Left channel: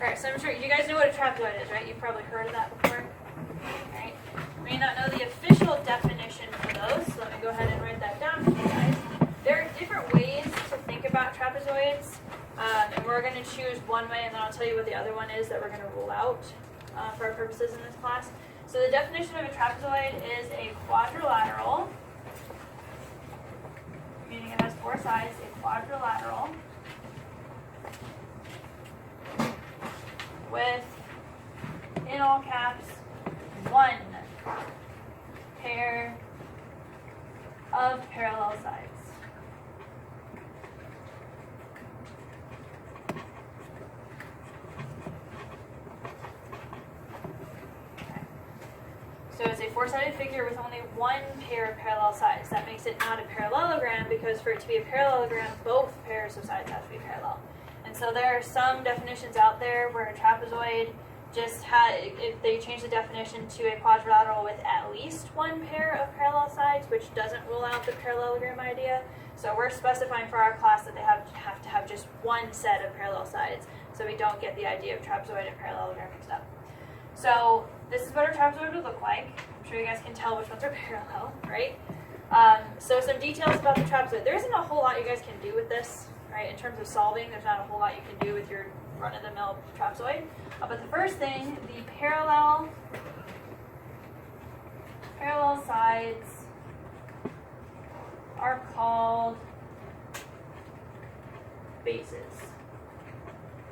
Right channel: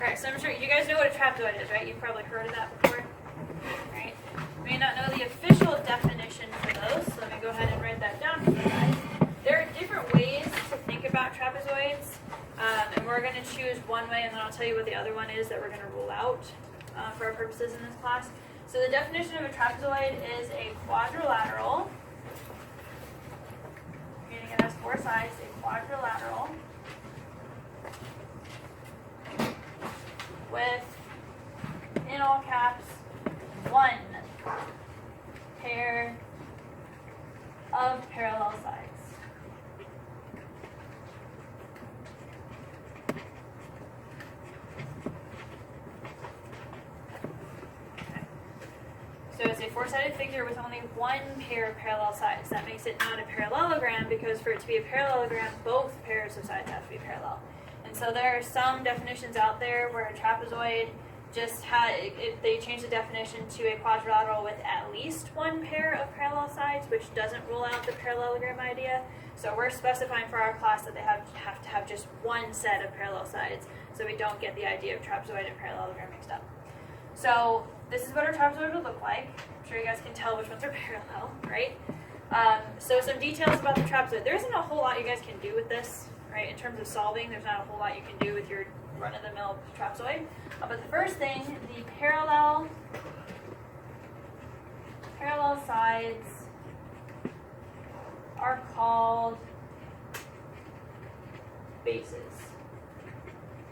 Alright, so I'm sure you guys know what a trapezoid is, right? You've probably heard of that before. Right? You may not know the official definition for those, so let me go ahead and write that down for you guys. There are different ways to think about trapezoids, and we're going to choose one way, and then I'll tell you what the other one is that we're going to rule out for our purposes in this class. So the definition of a trapezoid is a quadrilateral, meaning it has four sides, a quadrilateral with, in all caps, one pair of parallel sides. Okay. So it's a four-sided figure with only one pair of parallel sides. That makes it not a parallelogram because for it to be a parallelogram, both pairs of sides have to be parallel. And so there are some definitions out there where a trapezoid just they change the definition to a quadrilateral with at least one pair of parallel sides, which doesn't rule out the parallelogram idea. So we're specifying for our class that they have to have just one set of parallel sides, so we don't get the idea of trapezoid and parallelogram mixed up. So this is what a trapezoid would look like. I'm sure you guys can tell which ones are parallel, right? So some details about the trapezoid. There isn't a whole lot you guys can do with this, right? In terms of solving, there's not a whole lot you can do with your run-of-the-mill trapezoid. But the first thing, the parallel sides are called bases.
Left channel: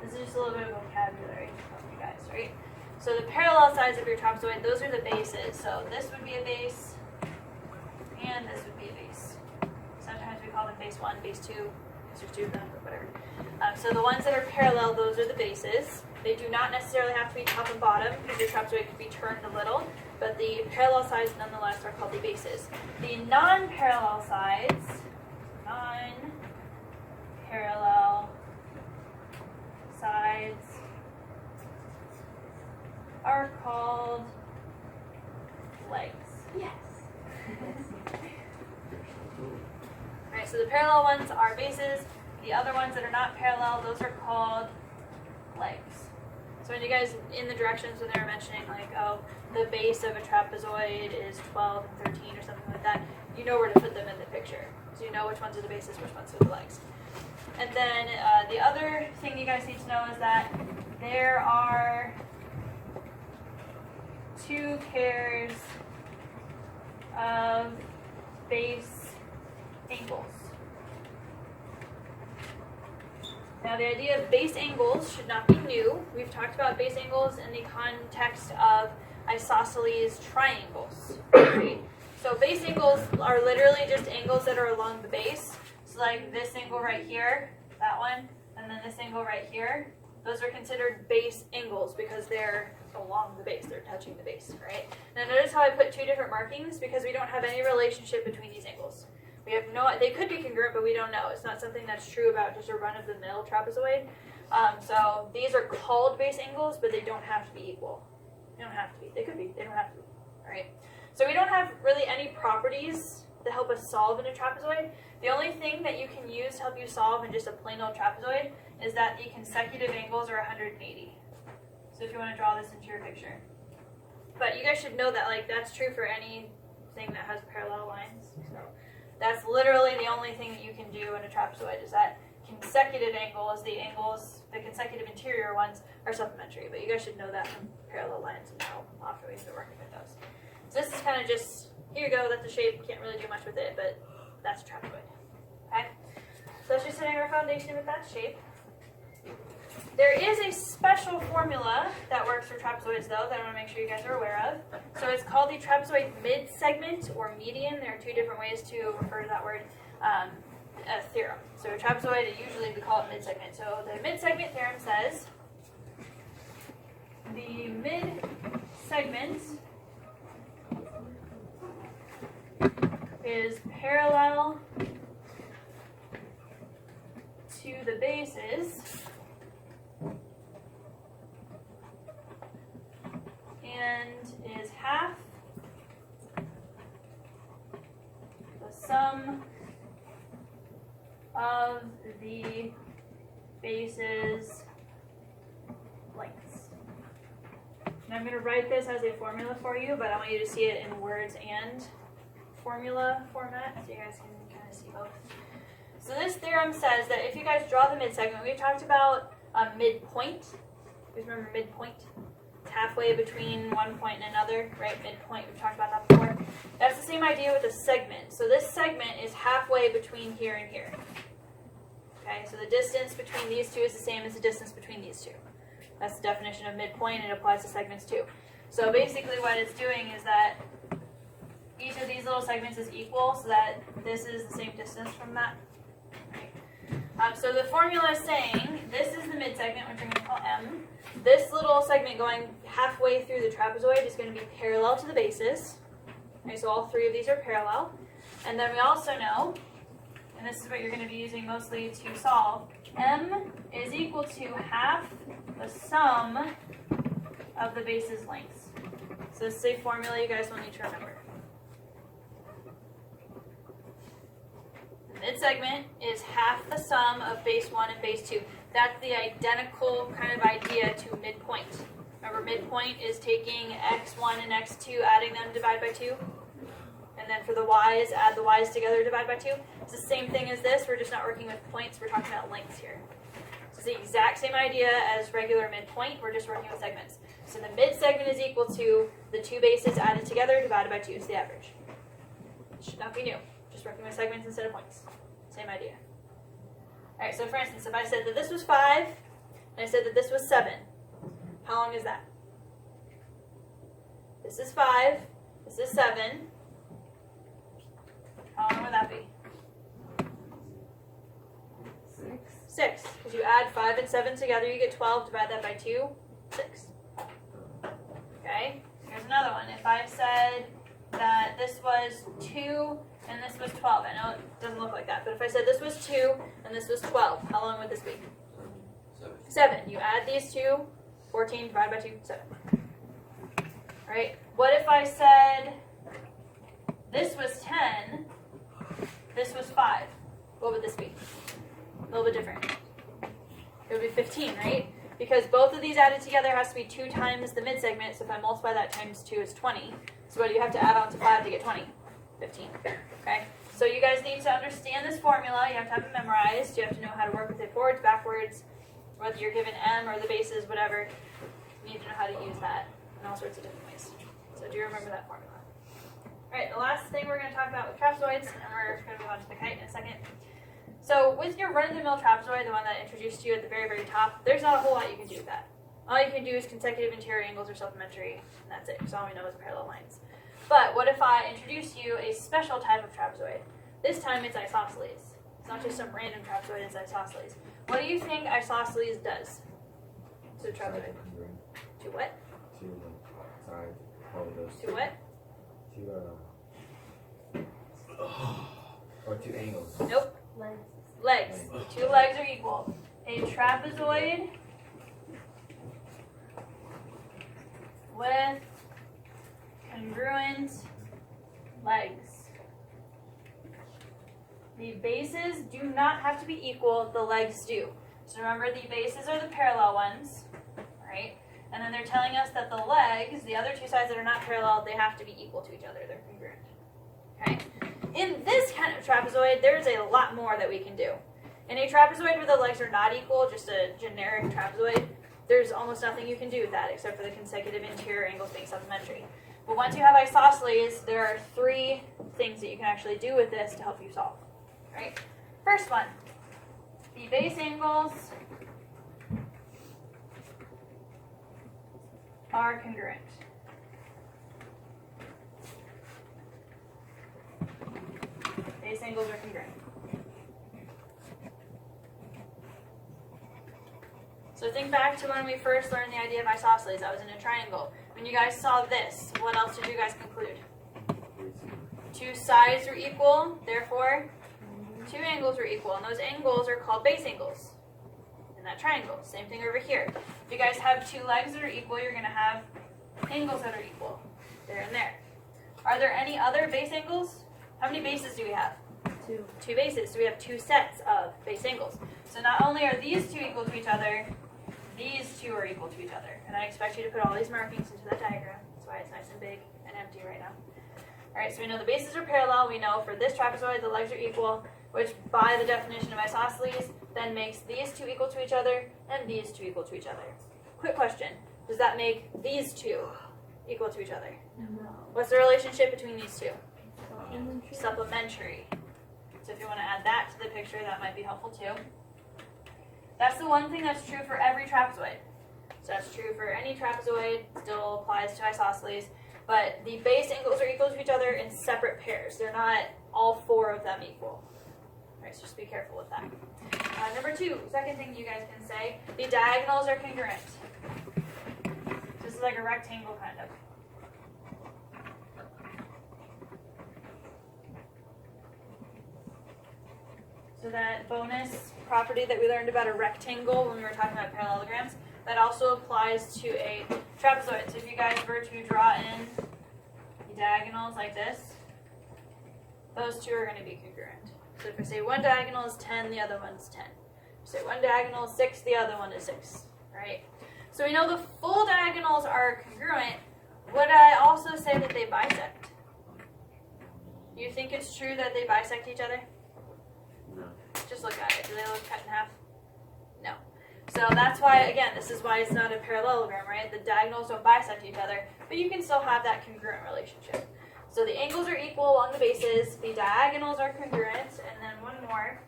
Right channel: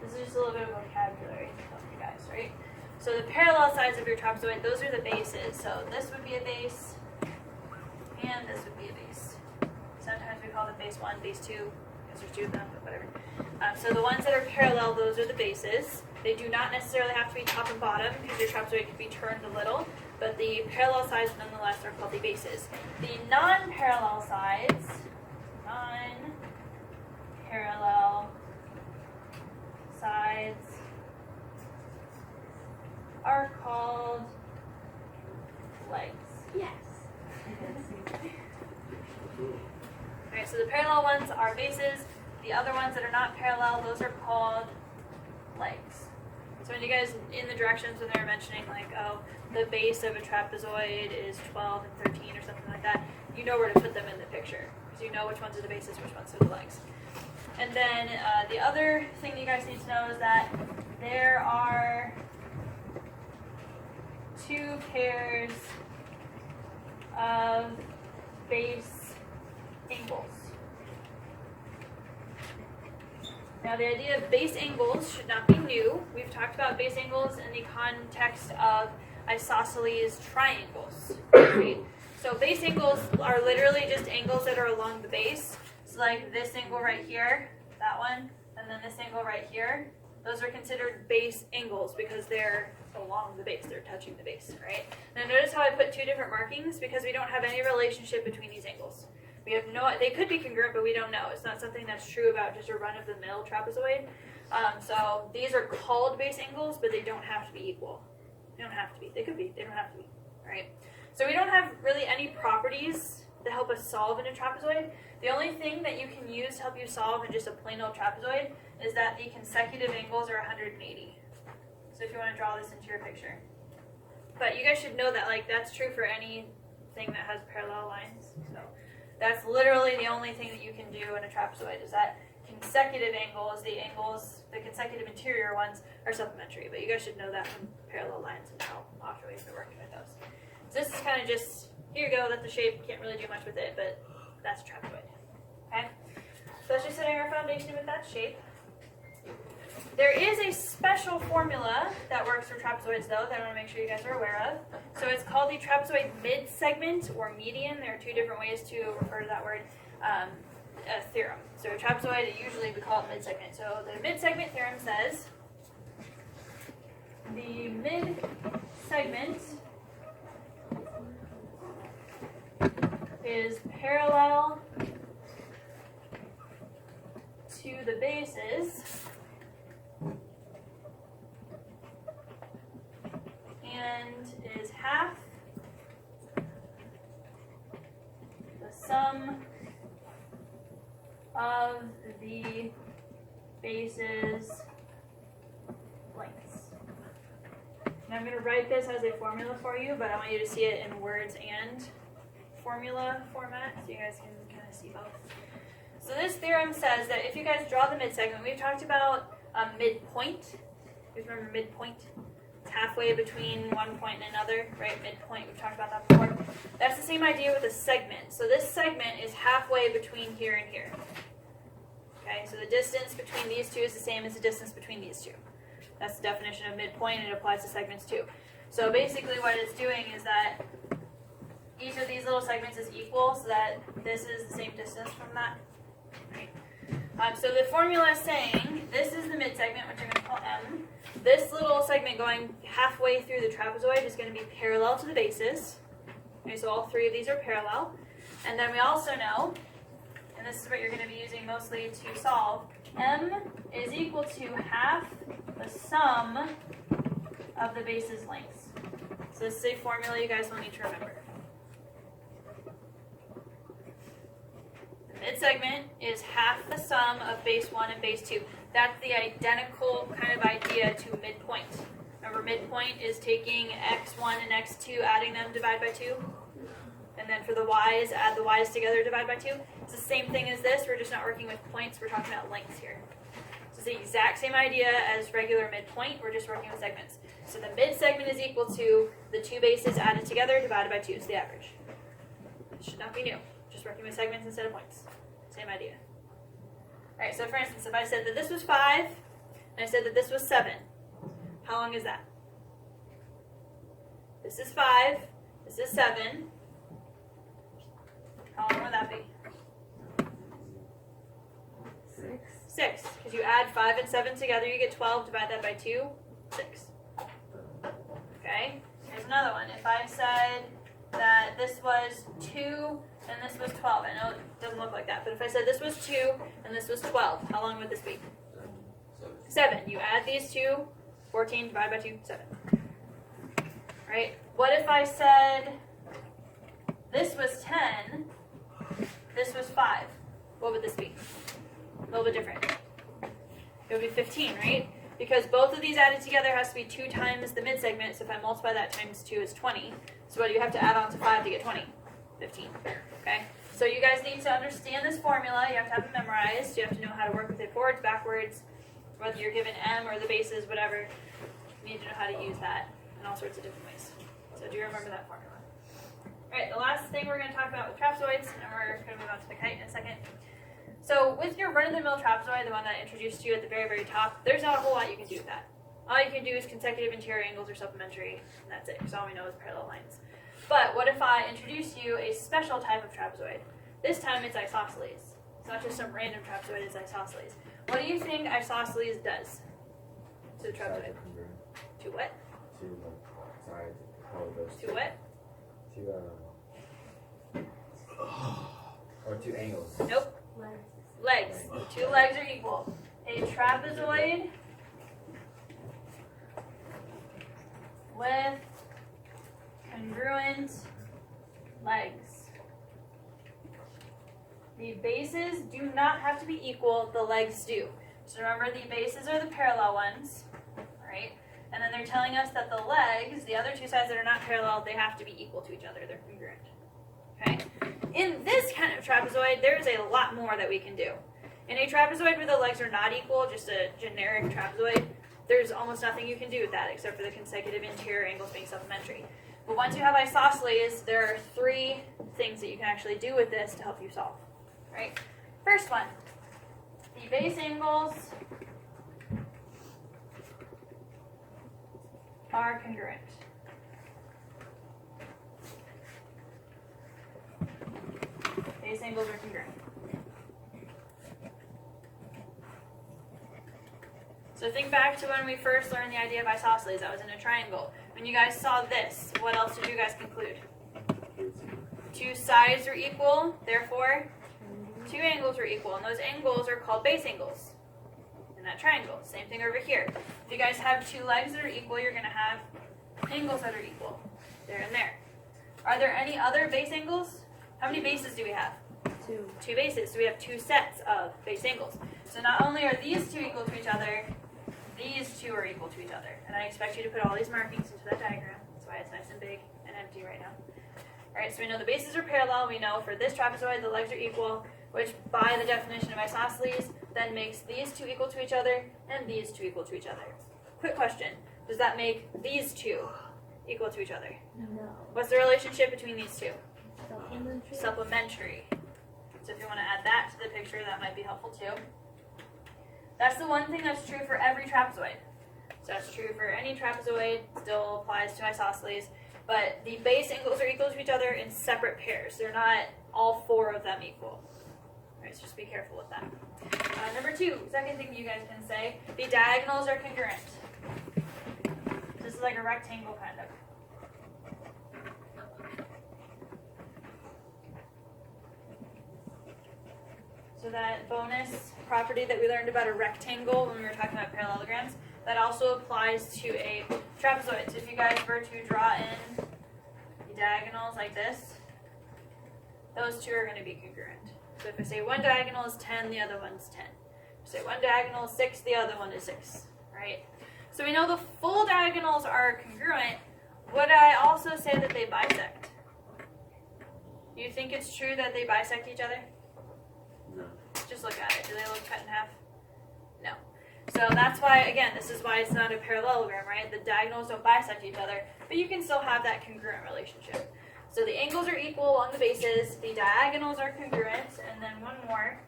This is just a little bit of vocabulary to help you guys, right? So the parallel sides of your trapezoid, those are the bases. So this would be a base, and this would be a base. Sometimes we call them base 1, base 2, because there's two of them, but whatever. So the ones that are parallel, those are the bases. They do not necessarily have to be top and bottom because your trapezoid could be turned a little, but the parallel sides nonetheless are called the bases. The non-parallel sides are called legs. Yes. Alright, so the parallel ones are bases. The other ones that are not parallel, those are called legs. So when you guys, in the directions when they were mentioning like, oh, the base of a trapezoid is 12 and 13 or something like that, you know where to put them in the picture. So you know which ones are the bases, which ones are the legs. And then the other thing you guys need to know is that there are two pairs of base angles. Now the idea of base angles should not be new. We've talked about base angles in the context of isosceles triangles. Right? So base angles are literally just angles that are along the base. So like this angle right here, that one, and then this angle right here. Those are considered base angles because they're along the base, they're touching the base, right? Now notice how I put two different markings because we don't have any relationship between these angles. We have no, they could be congruent, but we don't know. It's not something that's true about just a run-of-the-mill trapezoid. So these are called base angles, but they don't have to be equal. They don't have to be. They could be. They don't have to be. All right. So we don't have really any properties that help us solve in a trapezoid. The only thing that you can use to help you solve in just a plain old trapezoid is that the consecutive angles are 180. So if you want to draw this into your picture. But you guys should know that like that's true for anything that has parallel lines. So that's literally the only thing that you can do in a trapezoid is that consecutive angles, the consecutive interior ones are supplementary. But you guys should know that from parallel lines and how often we've been working with those. So this is kind of just, here you go, that's the shape, can't really do much with it, but that's a trapezoid. Okay? So that's just setting our foundation with that shape. There is a special formula that works for trapezoids, though, that I want to make sure you guys are aware of. So it's called the trapezoid mid-segment or median. There are two different ways to refer to that word, a theorem. So a trapezoid, usually we call it mid-segment. So the mid-segment theorem says the mid-segment is parallel to the bases and is half the sum of the bases lengths. And I'm going to write this as a formula for you, but I want you to see it in words and formula format so you guys can kind of see both. So this theorem says that if you guys draw the midsegment, we've talked about midpoint. You remember midpoint? It's halfway between one point and another, right? Midpoint, we've talked about that before. That's the same idea with a segment. So this segment is halfway between here and here. Okay, so the distance between these two is the same as the distance between these two. That's the definition of midpoint, and it applies to segments too. So basically what it's doing is that each of these little segments is equal, so that this is the same distance from that. Right? So the formula is saying this is the midsegment, which we're going to call M. This little segment going halfway through the trapezoid is going to be parallel to the bases. Okay, so all three of these are parallel. And then we also know, and this is what you're going to be using mostly to solve, M is equal to half the sum of the bases' lengths. So this is a formula you guys will need to remember. The midsegment is half the sum of base 1 and base 2. That's the identical kind of idea to midpoint. Remember, midpoint is taking x1 and x2, adding them, divide by 2. And then for the y's, add the y's together, divide by 2. It's the same thing as this. We're just not working with points. We're talking about lengths here. So it's the exact same idea as regular midpoint. We're just working with segments. So the midsegment is equal to the two bases added together, divided by 2 is the average. It should not be new. Just working with segments instead of points. Same idea. All right, so for instance, if I said that this was 5, and I said that this was 7, how long is that? This is 5, this is 7. How long would that be? 6. Because you add 5 and 7 together, you get 12. Divide that by 2, 6. Okay, here's another one. If I said that this was 2 and this was 12, I know it doesn't look like that, but if I said this was 2 and this was 12, how long would this be? 7. You add these two, 14, divide by 2, 7. Right? What if I said this was 10, this was 5? What would this be? A little bit different. It would be 15, right? Because both of these added together has to be 2 times the midsegment, so if I multiply that times 2 is 20. So what do you have to add on to 5 to get 20? 15. Okay? So you guys need to understand this formula. You have to have it memorized. You have to know how to work with it forwards, backwards, whether you're given M or the bases, whatever. You need to know how to use that in all sorts of different ways. So do you remember that formula? All right, the last thing we're going to talk about with trapezoids, and we're going to move on to the kite in a second. So with your run-of-the-mill trapezoid, the one that I introduced to you at the very, very top, there's not a whole lot you can do with that. All you can do is consecutive interior angles or supplementary, and that's it, because all we know is parallel lines. But what if I introduce you a special type of trapezoid? This time it's isosceles. It's not just some random trapezoid, it's isosceles. What do you think isosceles does to the trapezoid? To what? To sides. How it goes. To what? To or two angles. Nope. Legs. The 2 legs are equal. A trapezoid with congruent legs. The bases do not have to be equal, the legs do. So remember, the bases are the parallel ones, right? And then they're telling us that the legs, the other 2 sides that are not parallel, they have to be equal to each other. They're congruent. Okay? In this kind of trapezoid, there's a lot more that we can do. In a trapezoid where the legs are not equal, just a generic trapezoid, there's almost nothing you can do with that except for the consecutive interior angles being supplementary. But once you have isosceles, there are 3 things that you can actually do with this to help you solve. Right? First one, the base angles are congruent. Base angles are congruent. So think back to when we first learned the idea of isosceles. That was in a triangle. When you guys saw this, what else did you guys conclude? 2 sides are equal, therefore 2 angles were equal, and those angles are called base angles in that triangle. Same thing over here. If you guys have 2 legs that are equal, you're going to have angles that are equal, there and there. Are there any other base angles? How many bases do we have? 2. 2 bases, so we have 2 sets of base angles. So not only are these 2 equal to each other, these 2 are are equal to each other. And I expect you to put all these markings into that diagram. That's why it's nice and big and empty right now. Alright, so we know the bases are parallel. We know for this trapezoid the legs are equal, which by the definition of isosceles then makes these two equal to each other and these two equal to each other. Quick question. Does that make these two equal to each other? No. What's the relationship between these two? Supplementary. Supplementary. So if you want to add that to the picture, that might be helpful too. That's the one thing that's true for every trapezoid. So that's true for any trapezoid, still applies to isosceles, but the base angles are equal to each other in separate pairs. They're not all four of them equal. Alright, so just be careful with that. Number two, second thing you guys can say, the diagonals are congruent. This is like a rectangle kind of. So that bonus property that we learned about a rectangle when we were talking about parallelograms, that also applies to a trapezoid. So if you guys were to draw in the diagonals like this, those two are going to be congruent. So if we say one diagonal is 10, the other one's 10. If we say one diagonal is 6, the other one is 6, right? So we know the full diagonals are congruent. Would I also say that they bisect? Do you think it's true that they bisect each other? No. Just look at it. Do they look cut in half? No. So that's why, again, this is why it's not a parallelogram, right? The diagonals don't bisect each other, but you can still have that congruent relationship. So the angles are equal along the bases, the diagonals are congruent, and then one more.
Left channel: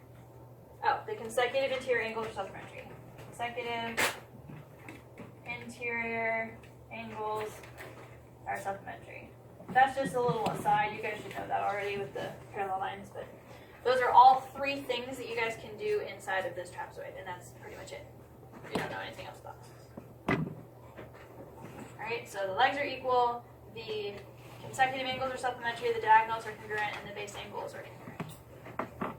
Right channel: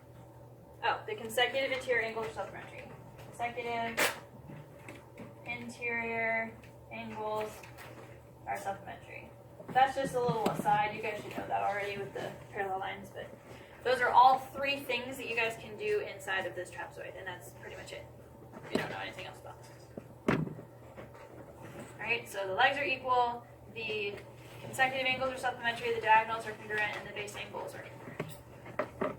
Oh, the consecutive interior angles are supplementary. Consecutive interior angles are supplementary. That's just a little aside. You guys should know that already with the parallel lines, but those are all three things that you guys can do inside of this trapezoid, and that's pretty much it. You don't know anything else about this. Alright, so the legs are equal, the consecutive angles are supplementary, the diagonals are congruent, and the base angles are congruent.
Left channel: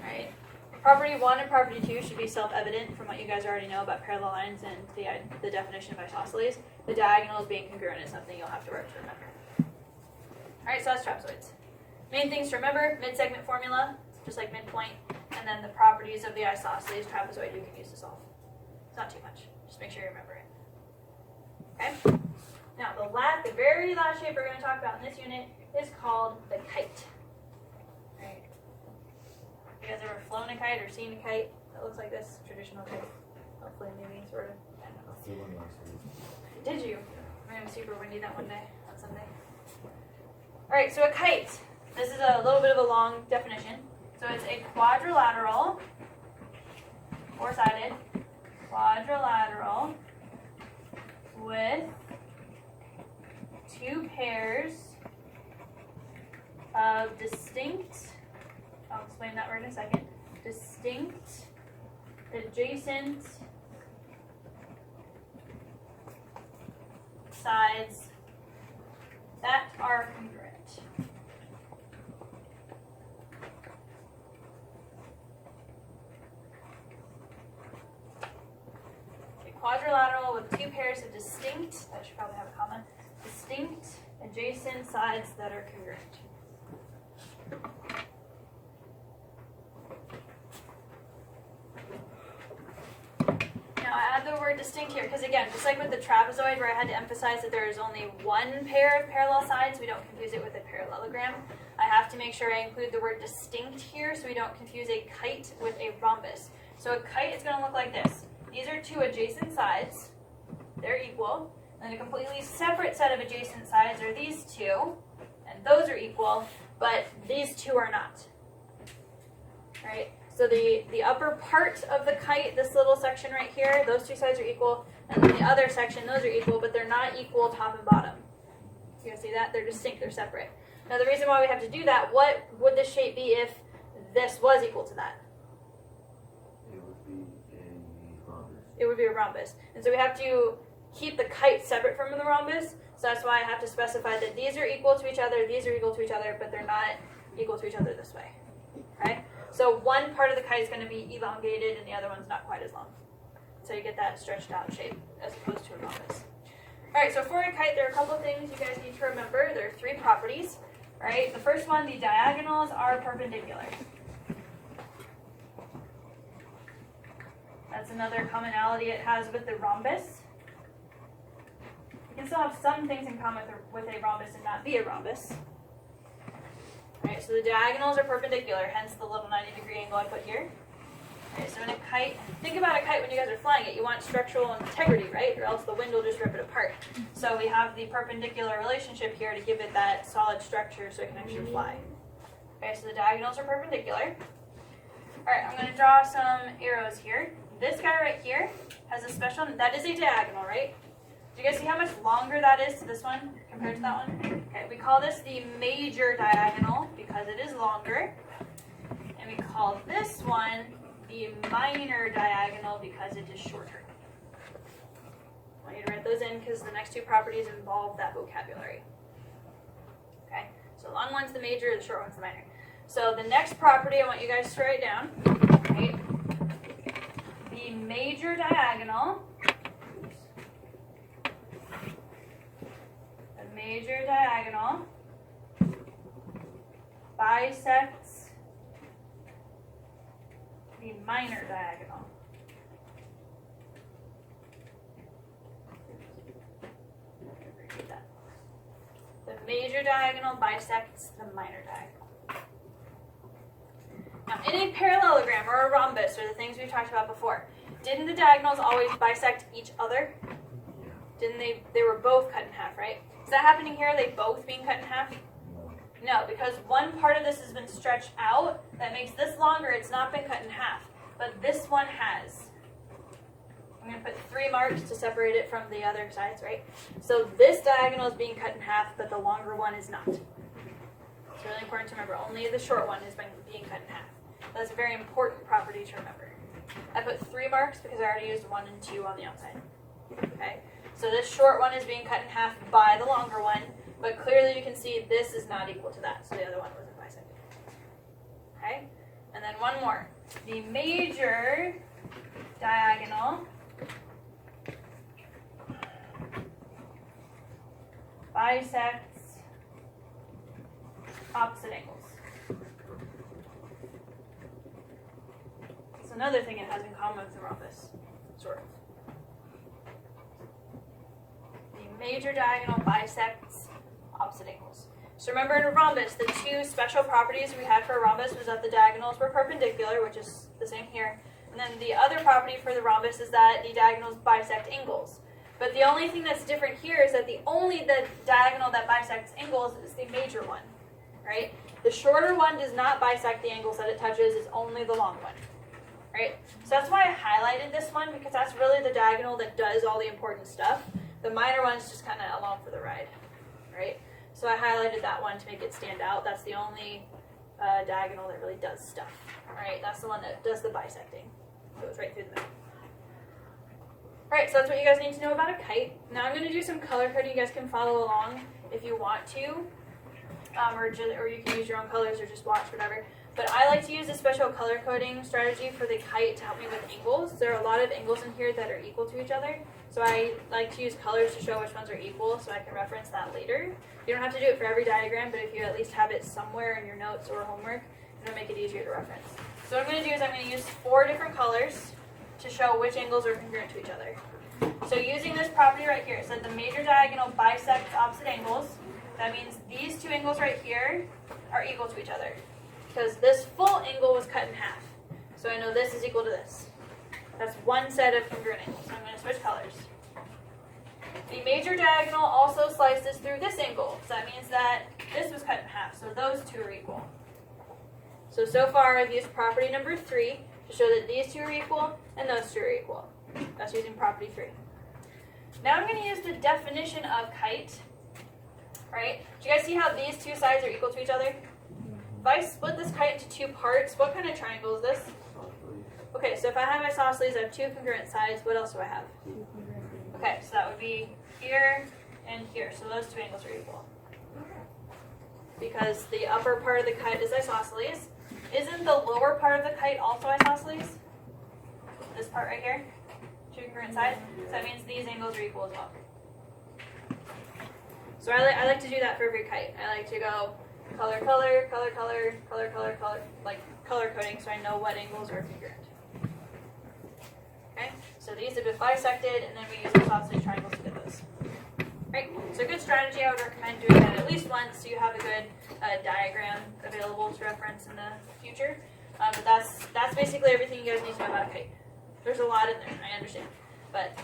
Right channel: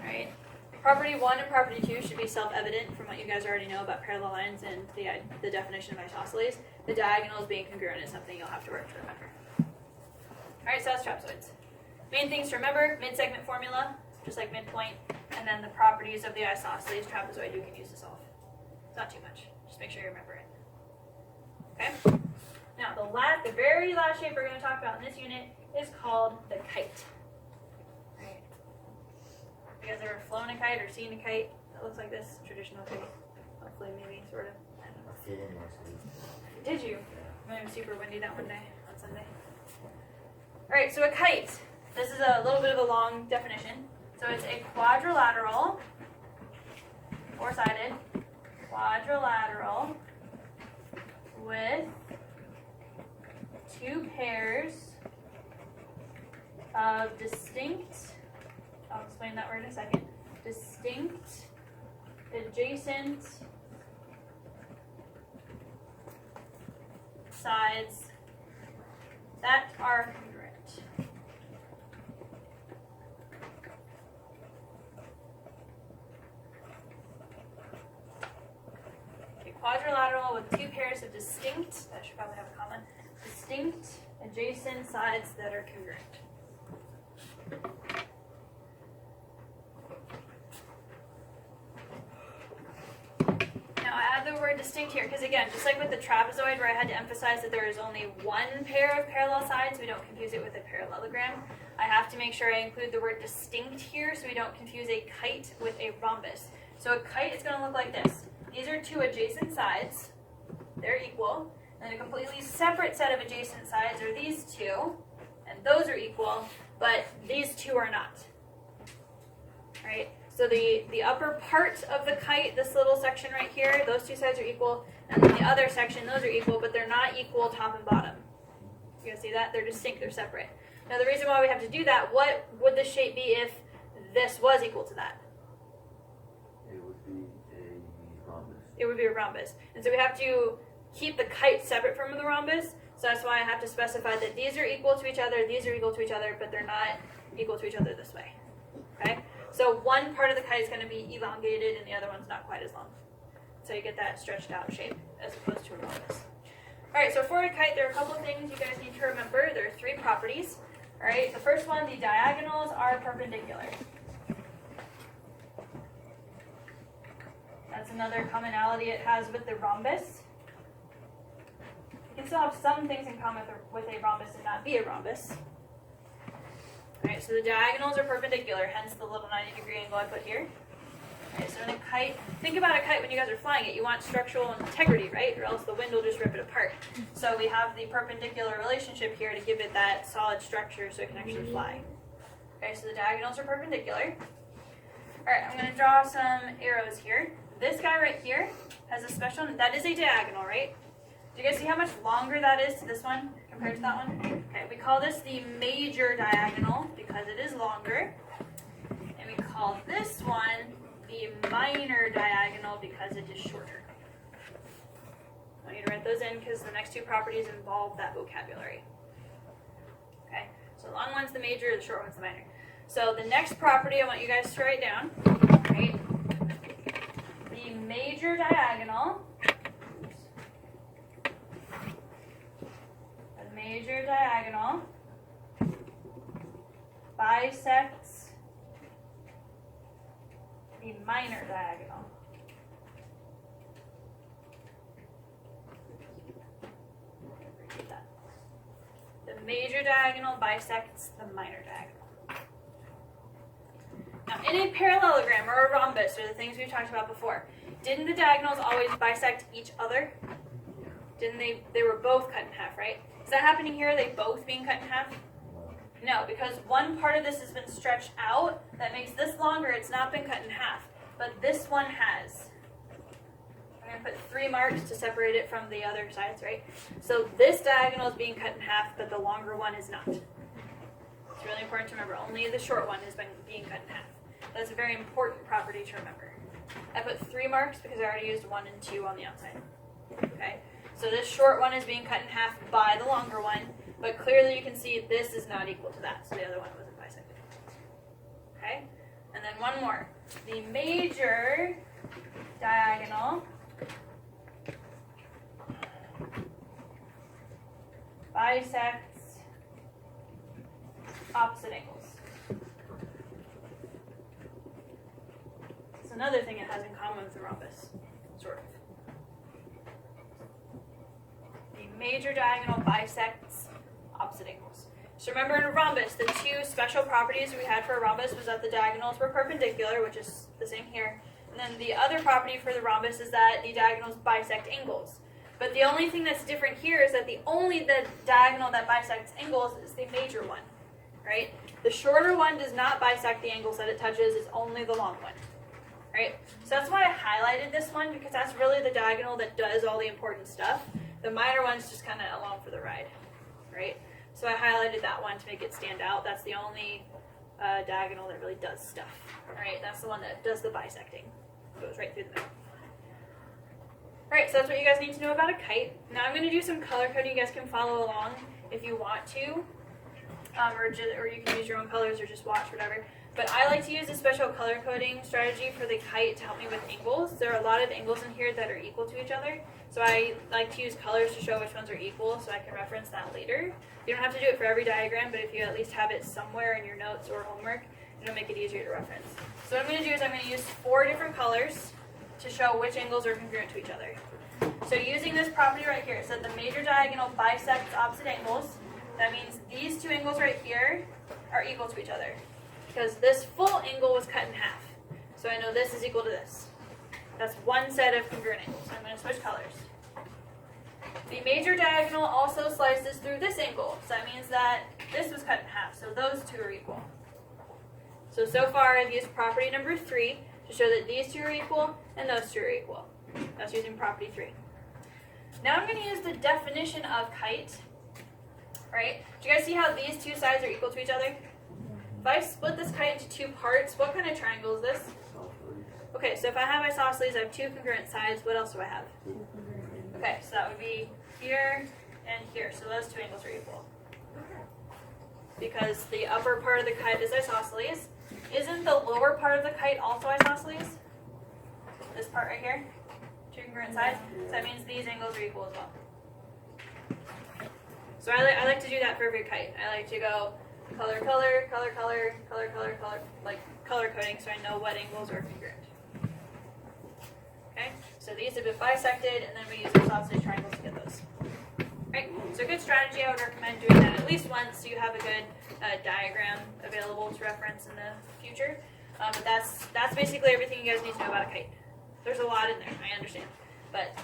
Alright, property 1 and property 2 should be self-evident from what you guys already know about parallel lines and the definition of isosceles. The diagonals being congruent is something you'll have to work to remember. Alright, so that's trapezoids. Main things to remember, mid-segment formula, just like midpoint, and then the properties of the isosceles trapezoid you can use to solve. It's not too much. Just make sure you remember it. Okay? Now, the very last shape we're going to talk about in this unit is called the kite. Right? You guys ever flown a kite or seen a kite that looks like this? Traditional kite. Hopefully, maybe, sort of. I don't know. I flew one last week. Did you? It was super windy that one day on Sunday. Alright, so a kite. This is a little bit of a long definition. So it's a quadrilateral, four-sided, quadrilateral with two pairs of distinct, I'll explain that word in a second, distinct, adjacent sides that are congruent. Quadrilateral with two pairs of distinct, that should probably have a comma, distinct adjacent sides that are congruent. Now I add the word distinct here because again, just like with the trapezoid where I had to emphasize that there is only one pair of parallel sides, we don't confuse it with a parallelogram. I have to make sure I include the word distinct here so we don't confuse a kite with a rhombus. So a kite is going to look like this. These are two adjacent sides, they're equal, and a completely separate set of adjacent sides are these two, and those are equal, but these two are not. Right? So the upper part of the kite, this little section right here, those two sides are equal, and then the other section, those are equal, but they're not equal top and bottom. You guys see that? They're distinct, they're separate. Now the reason why we have to do that, what would the shape be if this was equal to that? It would be a rhombus. And so we have to keep the kite separate from the rhombus. So that's why I have to specify that these are equal to each other, these are equal to each other, but they're not equal to each other this way. Okay? So one part of the kite is going to be elongated and the other one's not quite as long. So you get that stretched out shape as opposed to a rhombus. Alright, so for a kite, there are a couple of things you guys need to remember. There are three properties. Alright, the first one, the diagonals are perpendicular. That's another commonality it has with the rhombus. You can still have some things in common with a rhombus and not be a rhombus. Alright, so the diagonals are perpendicular, hence the little 90-degree angle I put here. Alright, so in a kite, think about a kite when you guys are flying it. You want structural integrity, right? Or else the wind will just rip it apart. So we have the perpendicular relationship here to give it that solid structure so it can actually fly. Okay, so the diagonals are perpendicular. Alright, I'm going to draw some arrows here. This guy right here has a special, that is a diagonal, right? Do you guys see how much longer that is to this one compared to that one? Okay, we call this the major diagonal because it is longer. And we call this one the minor diagonal because it is shorter. I want you to write those in because the next two properties involve that vocabulary. Okay, so the long one's the major, the short one's the minor. So the next property I want you guys to write down, right? The major diagonal. The major diagonal bisects the minor diagonal. Repeat that. The major diagonal bisects the minor diagonal. Now, in a parallelogram or a rhombus, or the things we've talked about before, didn't the diagonals always bisect each other? Didn't they? They were both cut in half, right? Is that happening here? Are they both being cut in half? No, because one part of this has been stretched out. That makes this longer. It's not been cut in half. But this one has. I'm going to put 3 marks to separate it from the other sides, right? So this diagonal is being cut in half, but the longer one is not. It's really important to remember. Only the short one has been being cut in half. That's a very important property to remember. I put 3 marks because I already used 1 and 2 on the outside. Okay? So this short one is being cut in half by the longer one, but clearly you can see this is not equal to that, so the other one wasn't bisected. Okay? And then one more. The major diagonal bisects opposite angles. It's another thing it has in common with the rhombus, sort of. The major diagonal bisects opposite angles. So remember in a rhombus, the 2 special properties we had for a rhombus was that the diagonals were perpendicular, which is the same here. And then the other property for the rhombus is that the diagonals bisect angles. But the only thing that's different here is that the diagonal that bisects angles is the major one, right? The shorter one does not bisect the angles that it touches, it's only the long one, right? So that's why I highlighted this one, because that's really the diagonal that does all the important stuff. The minor one's just kind of along for the ride, right? So I highlighted that one to make it stand out. That's the only diagonal that really does stuff, right? That's the one that does the bisecting. Goes right through the middle. Alright, so that's what you guys need to know about a kite. Now I'm going to do some color coding. You guys can follow along if you want to, or you can use your own colors or just watch, whatever. But I like to use a special color coding strategy for the kite to help me with angles. There are a lot of angles in here that are equal to each other. So I like to use colors to show which ones are equal so I can reference that later. You don't have to do it for every diagram, but if you at least have it somewhere in your notes or homework, it'll make it easier to reference. So what I'm going to do is I'm going to use 4 different colors to show which angles are congruent to each other. So using this property right here, it said the major diagonal bisects opposite angles. That means these 2 angles right here are equal to each other. Because this full angle was cut in half. So I know this is equal to this. That's one set of congruent angles. So I'm going to switch colors. The major diagonal also slices through this angle. So that means that this was cut in half. So those 2 are equal. So far I've used property number 3 to show that these 2 are equal and those 2 are equal. That's using property 3. Now I'm going to use the definition of kite. Right? Do you guys see how these 2 sides are equal to each other? If I split this kite into 2 parts, what kind of triangle is this? Okay, so if I have isosceles, I have 2 congruent sides. What else do I have? Okay, so that would be here and here. So those 2 angles are equal. Because the upper part of the kite is isosceles. Isn't the lower part of the kite also isosceles? This part right here? 2 congruent sides. So that means these angles are equal as well. So I like to do that for every kite. I like to go color, color, color, color, color, color, color, like color coding so I know what angles are congruent. Okay, so these have been bisected, and then we use isosceles triangles to get those. Right, so a good strategy, I would recommend doing that at least once so you have a good diagram available to reference in the future. But that's basically everything you guys need to know about a kite. There's a lot in there, I understand. But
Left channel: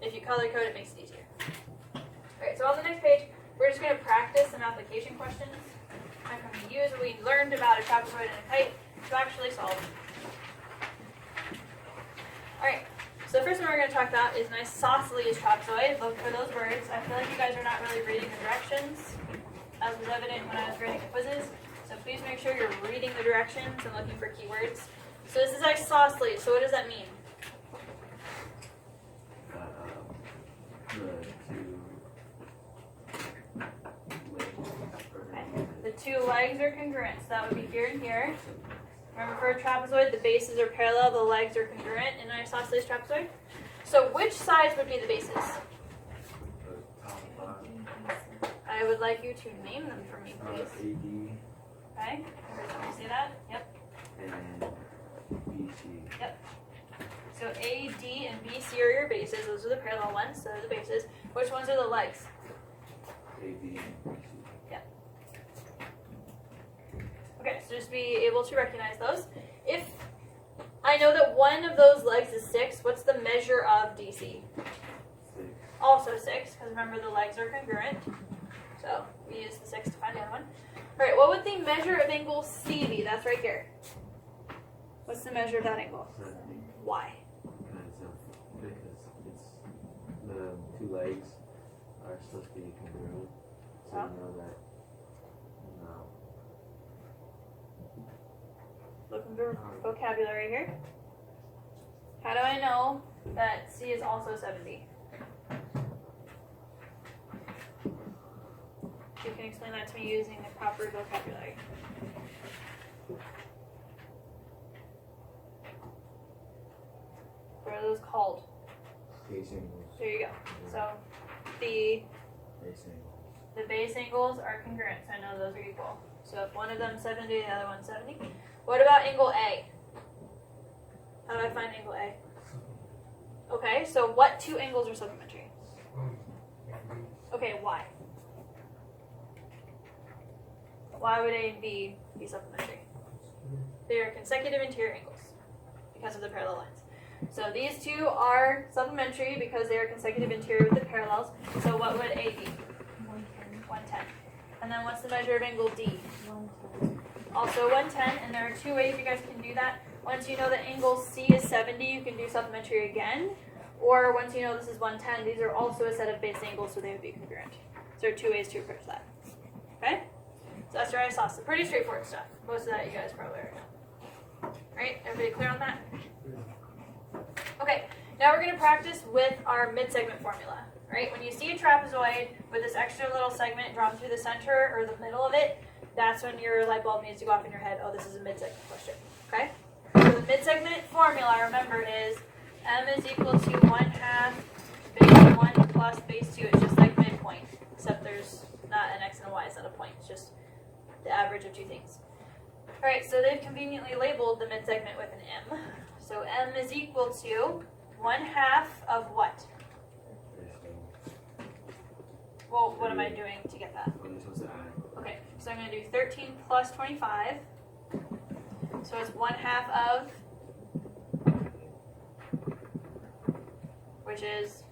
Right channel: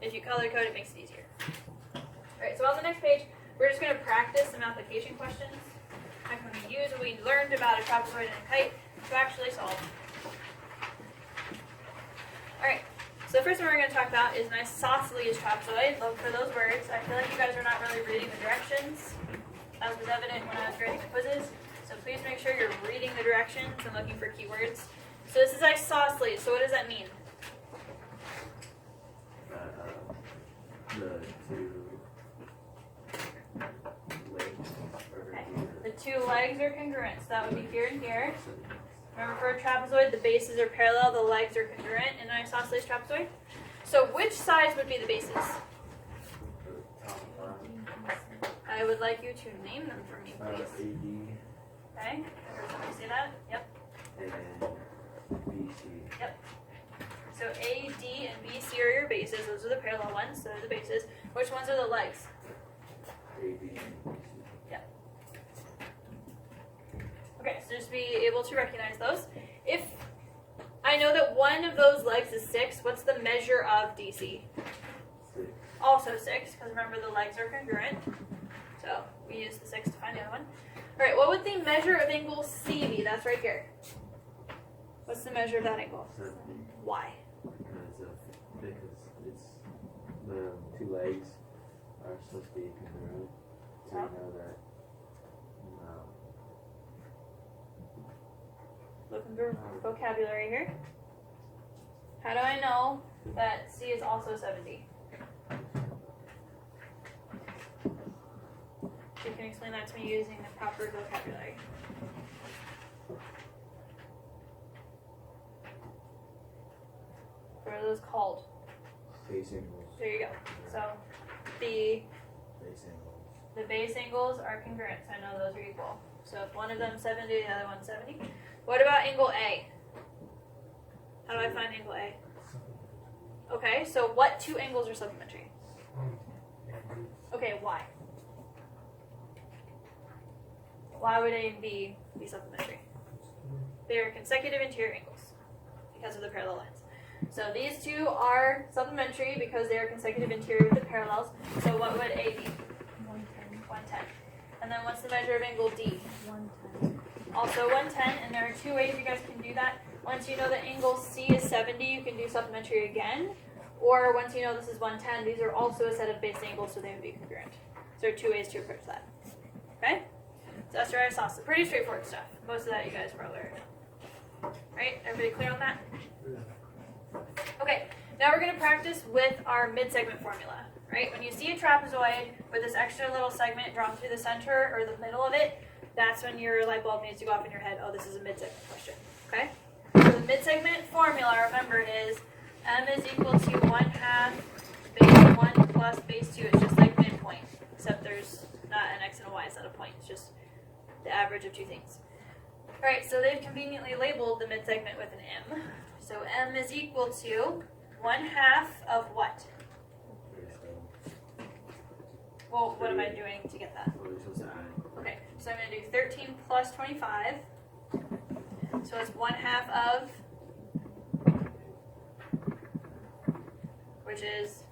if you color code, it makes it easier. Alright, so on the next page, we're just going to practice some application questions. I'm going to use what we learned about a trapezoid and a kite to actually solve. Alright, so the first one we're going to talk about is an isosceles trapezoid. Look for those words. I feel like you guys are not really reading the directions, as was evident when I was grading the quizzes. So please make sure you're reading the directions and looking for keywords. So this is isosceles, so what does that mean? The two legs are congruent, so that would be here and here. Remember, for a trapezoid, the bases are parallel, the legs are congruent in an isosceles trapezoid. So which sides would be the bases? I would like you to name them for me, please. AD. Okay, every time you say that, yep. And BC. Yep. So A, D, and BC are your bases. Those are the parallel ones, so they're the bases. Which ones are the legs? AD and BC. Yep. Okay, so just be able to recognize those. If I know that one of those legs is 6, what's the measure of DC? 6. Also 6, because remember the legs are congruent. So we use the 6 to find the other one. Alright, what would the measure of angle C be? That's right here. What's the measure of that angle? 70. Why? Because it's the two legs are supposed to be congruent. So you know that. Looking for vocabulary here. How do I know that C is also 70? You can explain that to me using the proper vocabulary. What are those called? Base angles. There you go. So the Base angles. base angles are congruent, so I know those are equal. So if one of them is 70, the other one's 70. What about angle A? How do I find angle A? Okay, so what two angles are supplementary? Okay, why? Why would A and B be supplementary? They are consecutive interior angles because of the parallel lines. So these two are supplementary because they are consecutive interior with the parallels. So what would A be? 110. And then what's the measure of angle D? 110. Also 110, and there are two ways you guys can do that. Once you know that angle C is 70, you can do supplementary again. Or once you know this is 110, these are also a set of base angles, so they would be congruent. So there are two ways to approach that. Okay? So that's your isosceles. Pretty straightforward stuff. Most of that you guys probably already know. Right? Everybody clear on that? Okay, now we're going to practice with our mid-segment formula. Right? When you see a trapezoid with this extra little segment drawn through the center or the middle of it, that's when your light bulb needs to go off in your head. Oh, this is a mid-segment question. Okay? So the mid-segment formula, remember, is m is equal to 1/2 base 1 plus base 2. It's just like midpoint, except there's not an x and a y, it's not a point. It's just the average of two things. Alright, so they've conveniently labeled the mid-segment with an m. So m is equal to 1/2 of what? Well, what am I doing to get that? What are you supposed to add? Okay, so I'm going to do 13 plus 25. So it's 1/2 of, which is,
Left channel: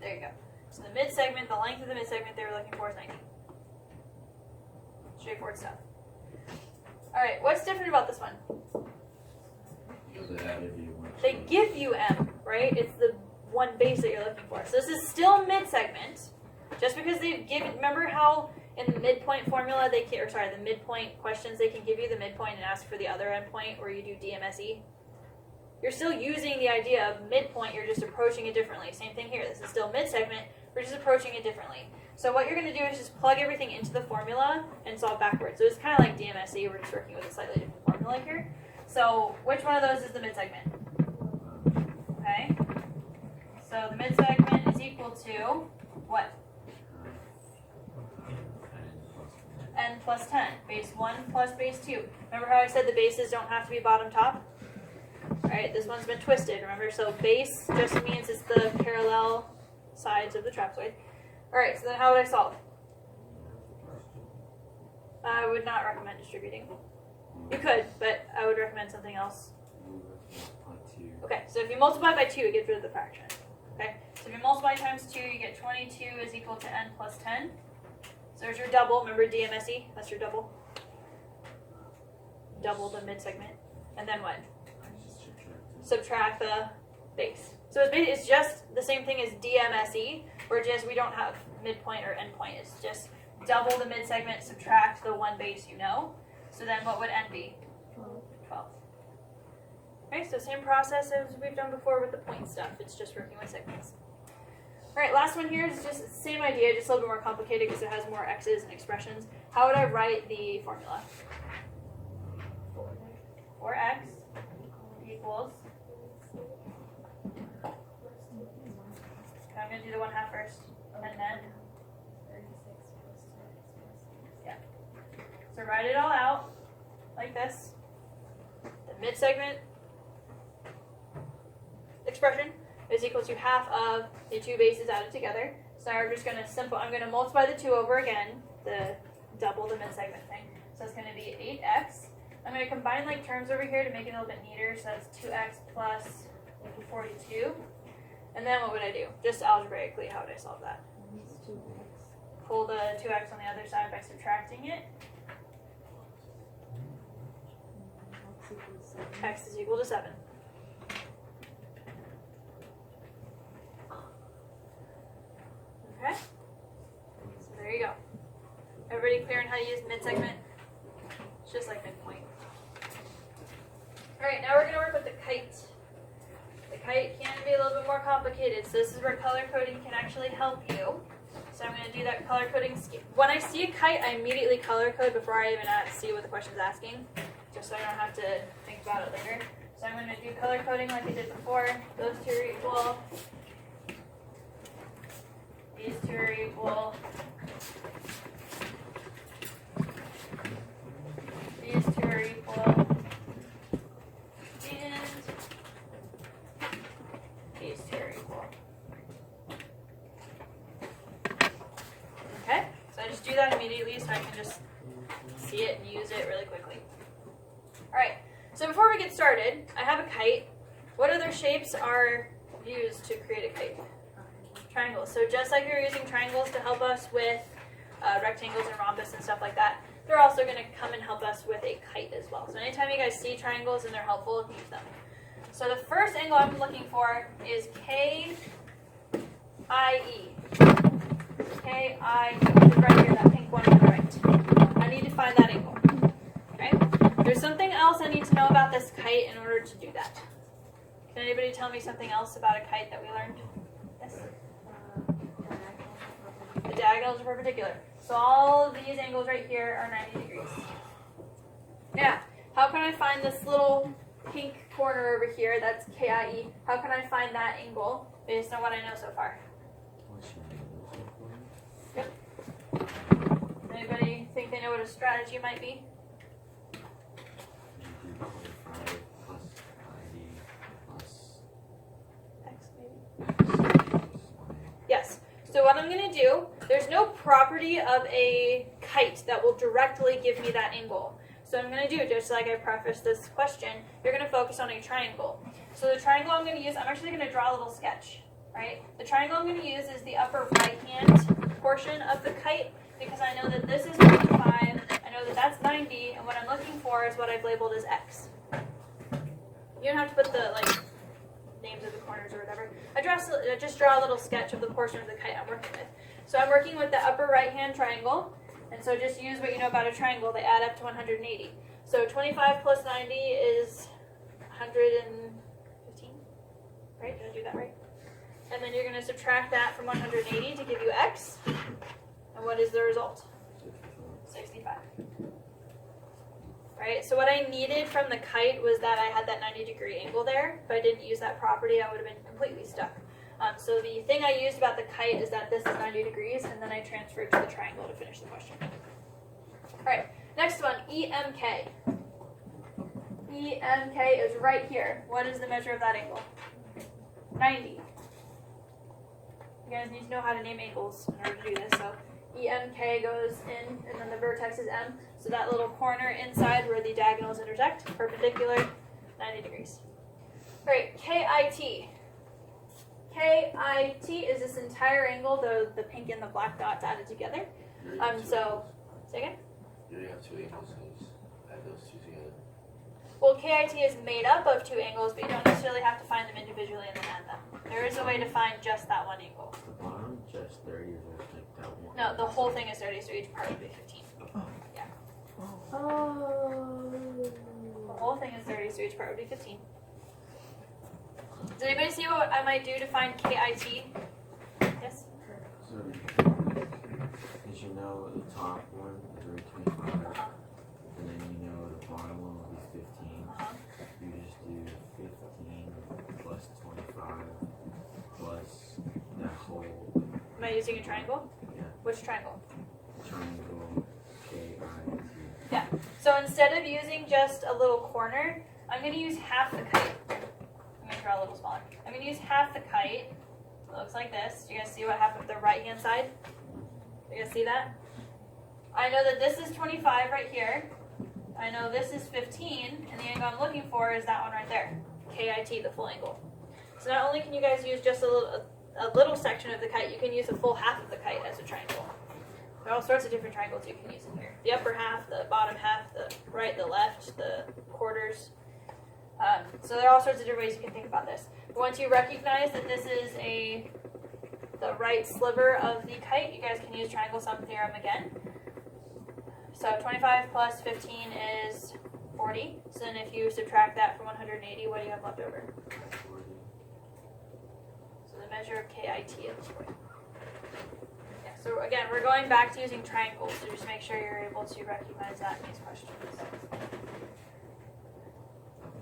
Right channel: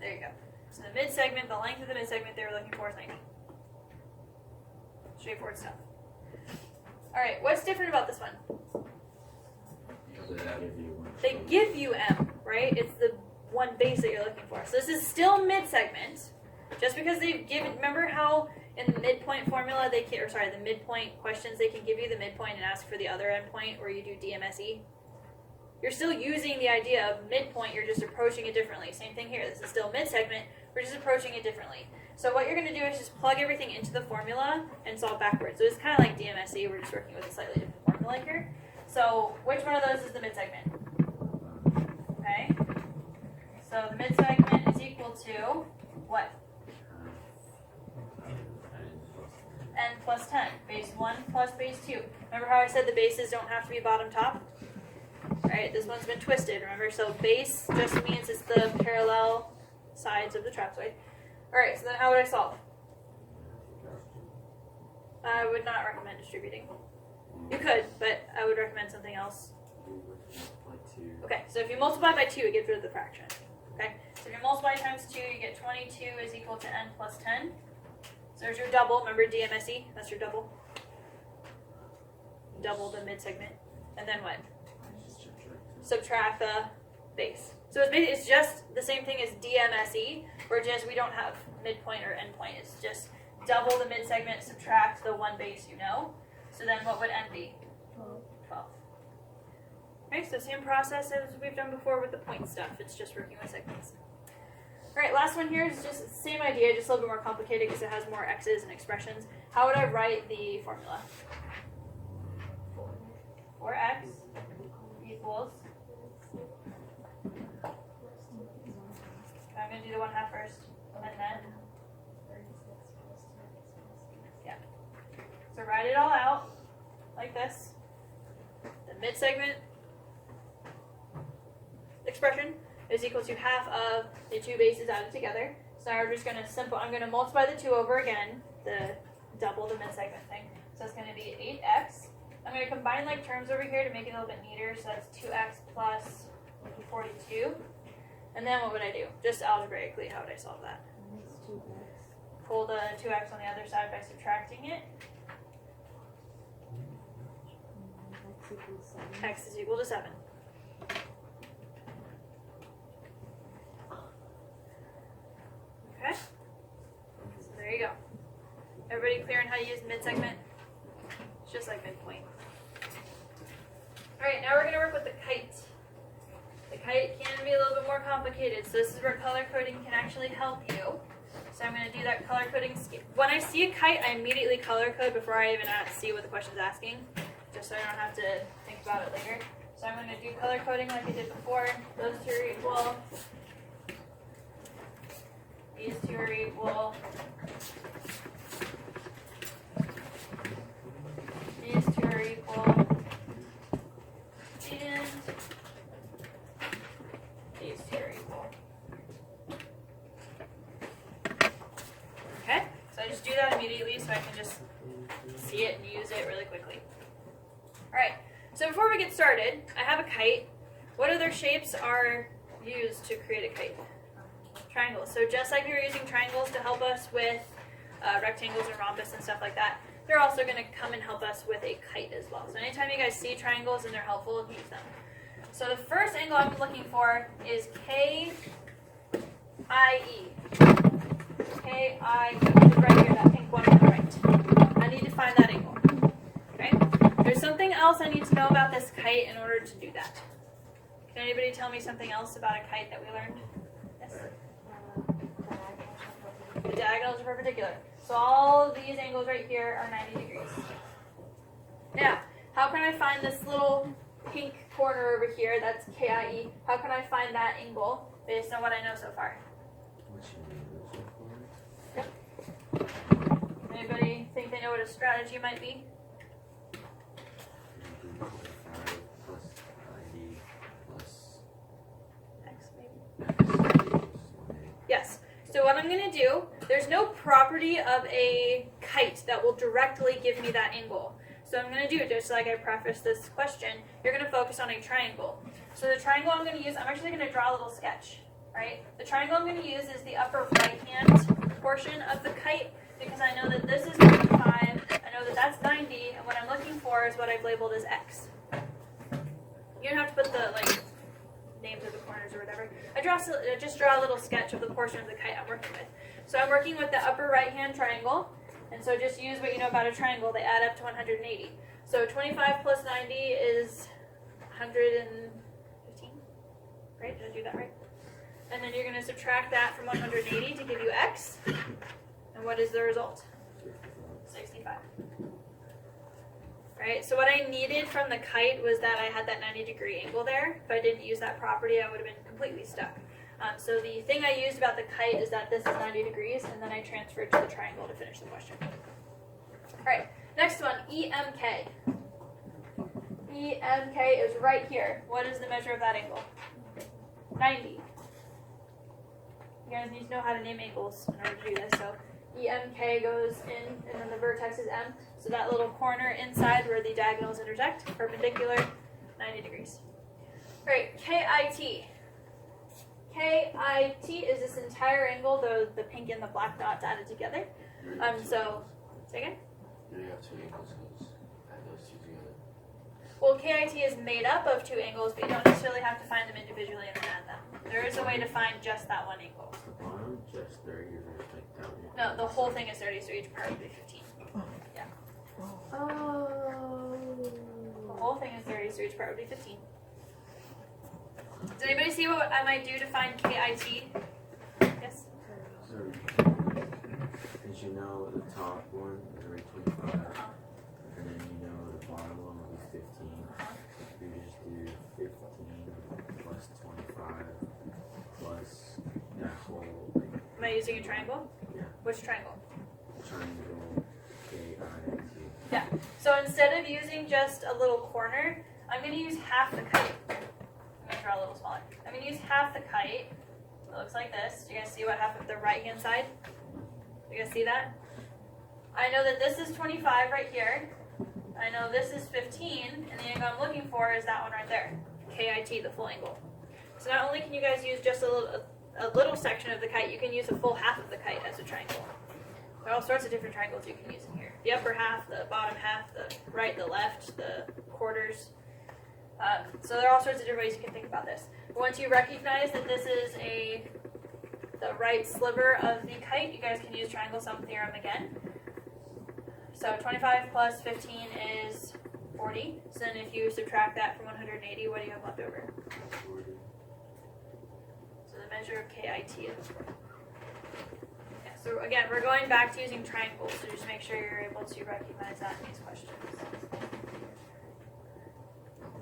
there you go. So the mid-segment, the length of the mid-segment they were looking for is 90. Straightforward stuff. Alright, what's different about this one? They give you m, right? It's the one base that you're looking for. So this is still mid-segment. Just because they've given, remember how in the midpoint formula, they can, or sorry, the midpoint questions, they can give you the midpoint and ask for the other endpoint, or you do DMSE? You're still using the idea of midpoint, you're just approaching it differently. Same thing here, this is still mid-segment, we're just approaching it differently. So what you're going to do is just plug everything into the formula and solve backwards. So it's kind of like DMSE, we're just working with a slightly different formula here. So which one of those is the mid-segment? Okay. So the mid-segment is equal to what? n plus 10. Base 1 plus base 2. Remember how I said the bases don't have to be bottom top? Alright, this one's been twisted, remember? So base just means it's the parallel sides of the trapezoid. Alright, so then how would I solve? I would not recommend distributing. You could, but I would recommend something else. Okay, so if you multiply by 2, it gets rid of the fraction. Okay, so if you multiply times 2, you get 22 is equal to n plus 10. So there's your double. Remember DMSE? That's your double. Double the mid-segment. And then what? Subtract the base. So it's just the same thing as DMSE, where just we don't have midpoint or endpoint. It's just double the mid-segment, subtract the one base you know. So then what would n be? 12. Okay, so same process as we've done before with the point stuff. It's just working with segments. All right, last one here is just the same idea, just a little bit more complicated because it has more x's and expressions. How would I write the formula? 4x equals. Okay, I'm going to do the 1/2 first, and then. Yeah. So write it all out like this. The mid-segment expression is equal to half of the two bases added together. So now we're just going to I'm going to multiply the 2 over again, the double the mid-segment thing. So it's going to be 8x. I'm going to combine like terms over here to make it a little bit neater. So that's 2x plus 42. And then what would I do? Just algebraically, how would I solve that? Pull the 2x on the other side by subtracting it. X is equal to 7. Okay, so there you go. Everybody clear on how to use mid-segment? It's just like midpoint. Alright, now we're going to work with the kite. The kite can be a little bit more complicated, so this is where color coding can actually help you. So I'm going to do that color coding scheme. When I see a kite, I immediately color code before I even see what the question's asking, just so I don't have to think about it later. So I'm going to do color coding like I did before. Those two are equal. These two are equal. These two are equal. And these two are equal. Okay, so I just do that immediately so I can just see it and use it really quickly. Alright, so before we get started, I have a kite. What other shapes are used to create a kite? Triangles. So just like you're using triangles to help us with rectangles and rhombus and stuff like that, they're also going to come and help us with a kite as well. So anytime you guys see triangles and they're helpful, use them. So the first angle I'm looking for is KIE. KIE. It's right here, that pink one on the right. I need to find that angle. Okay? There's something else I need to know about this kite in order to do that. Can anybody tell me something else about a kite that we learned? Yes? The diagonals are perpendicular. So all of these angles right here are 90 degrees. Yeah. How can I find this little pink corner over here? That's KIE. How can I find that angle based on what I know so far? Yep. Anybody think they know what a strategy might be? X maybe. Yes. So what I'm going to do, there's no property of a kite that will directly give me that angle. So I'm going to do, just like I prefaced this question, you're going to focus on a triangle. So the triangle I'm going to use, I'm actually going to draw a little sketch, right? The triangle I'm going to use is the upper right-hand portion of the kite, because I know that this is 25, I know that that's 90, and what I'm looking for is what I've labeled as X. You don't have to put the, names of the corners or whatever. I just draw a little sketch of the portion of the kite I'm working with. So I'm working with the upper right-hand triangle, and so just use what you know about a triangle. They add up to 180. So 25 plus 90 is 115, right? Did I do that right? And then you're going to subtract that from 180 to give you X. And what is the result? 65. Right, so what I needed from the kite was that I had that 90-degree angle there. If I didn't use that property, I would have been completely stuck. So the thing I used about the kite is that this is 90 degrees, and then I transferred to the triangle to finish the question. Alright, next one, EMK. EMK is right here. What is the measure of that angle? 90. You guys need to know how to name angles in order to do this. So EMK goes in, and then the vertex is M. So that little corner inside where the diagonals intersect, perpendicular, 90 degrees. Alright, KIT. KIT is this entire angle, the pink and the black dots added together. So, say again? Do they have two angles? Add those two together. Well, KIT is made up of two angles, but you don't necessarily have to find them individually and then add them. There is a way to find just that one angle. The bottom, just 30, or just like that one? No, the whole thing is 30, so each part would be 15. Yeah. Oh. The whole thing is 30, so each part would be 15. Does anybody see what I might do to find KIT? Yes? So, as you know, the top one is already 25, and then you know the bottom one will be 15. You just do 15 plus 25 plus that whole, like, Am I using a triangle? Yeah. Which triangle? triangle KIT. Yeah. So instead of using just a little corner, I'm going to use half the kite. I'm going to draw a little smaller. I'm going to use half the kite. It looks like this. Do you guys see what happened with the right hand side? You guys see that? I know that this is 25 right here. I know this is 15, and the angle I'm looking for is that one right there. KIT, the full angle. So not only can you guys use just a little section of the kite, you can use a full half of the kite as a triangle. There are all sorts of different triangles you can use in here. The upper half, the bottom half, the right, the left, the quarters. So there are all sorts of different ways you can think about this. But once you recognize that this is the right sliver of the kite, you guys can use triangle sum theorem again. So 25 plus 15 is 40. So then if you subtract that from 180, what do you have left over? 40. So the measure of KIT is 40. Yeah, so again, we're going back to using triangles, so just make sure you're able to recognize that in these questions.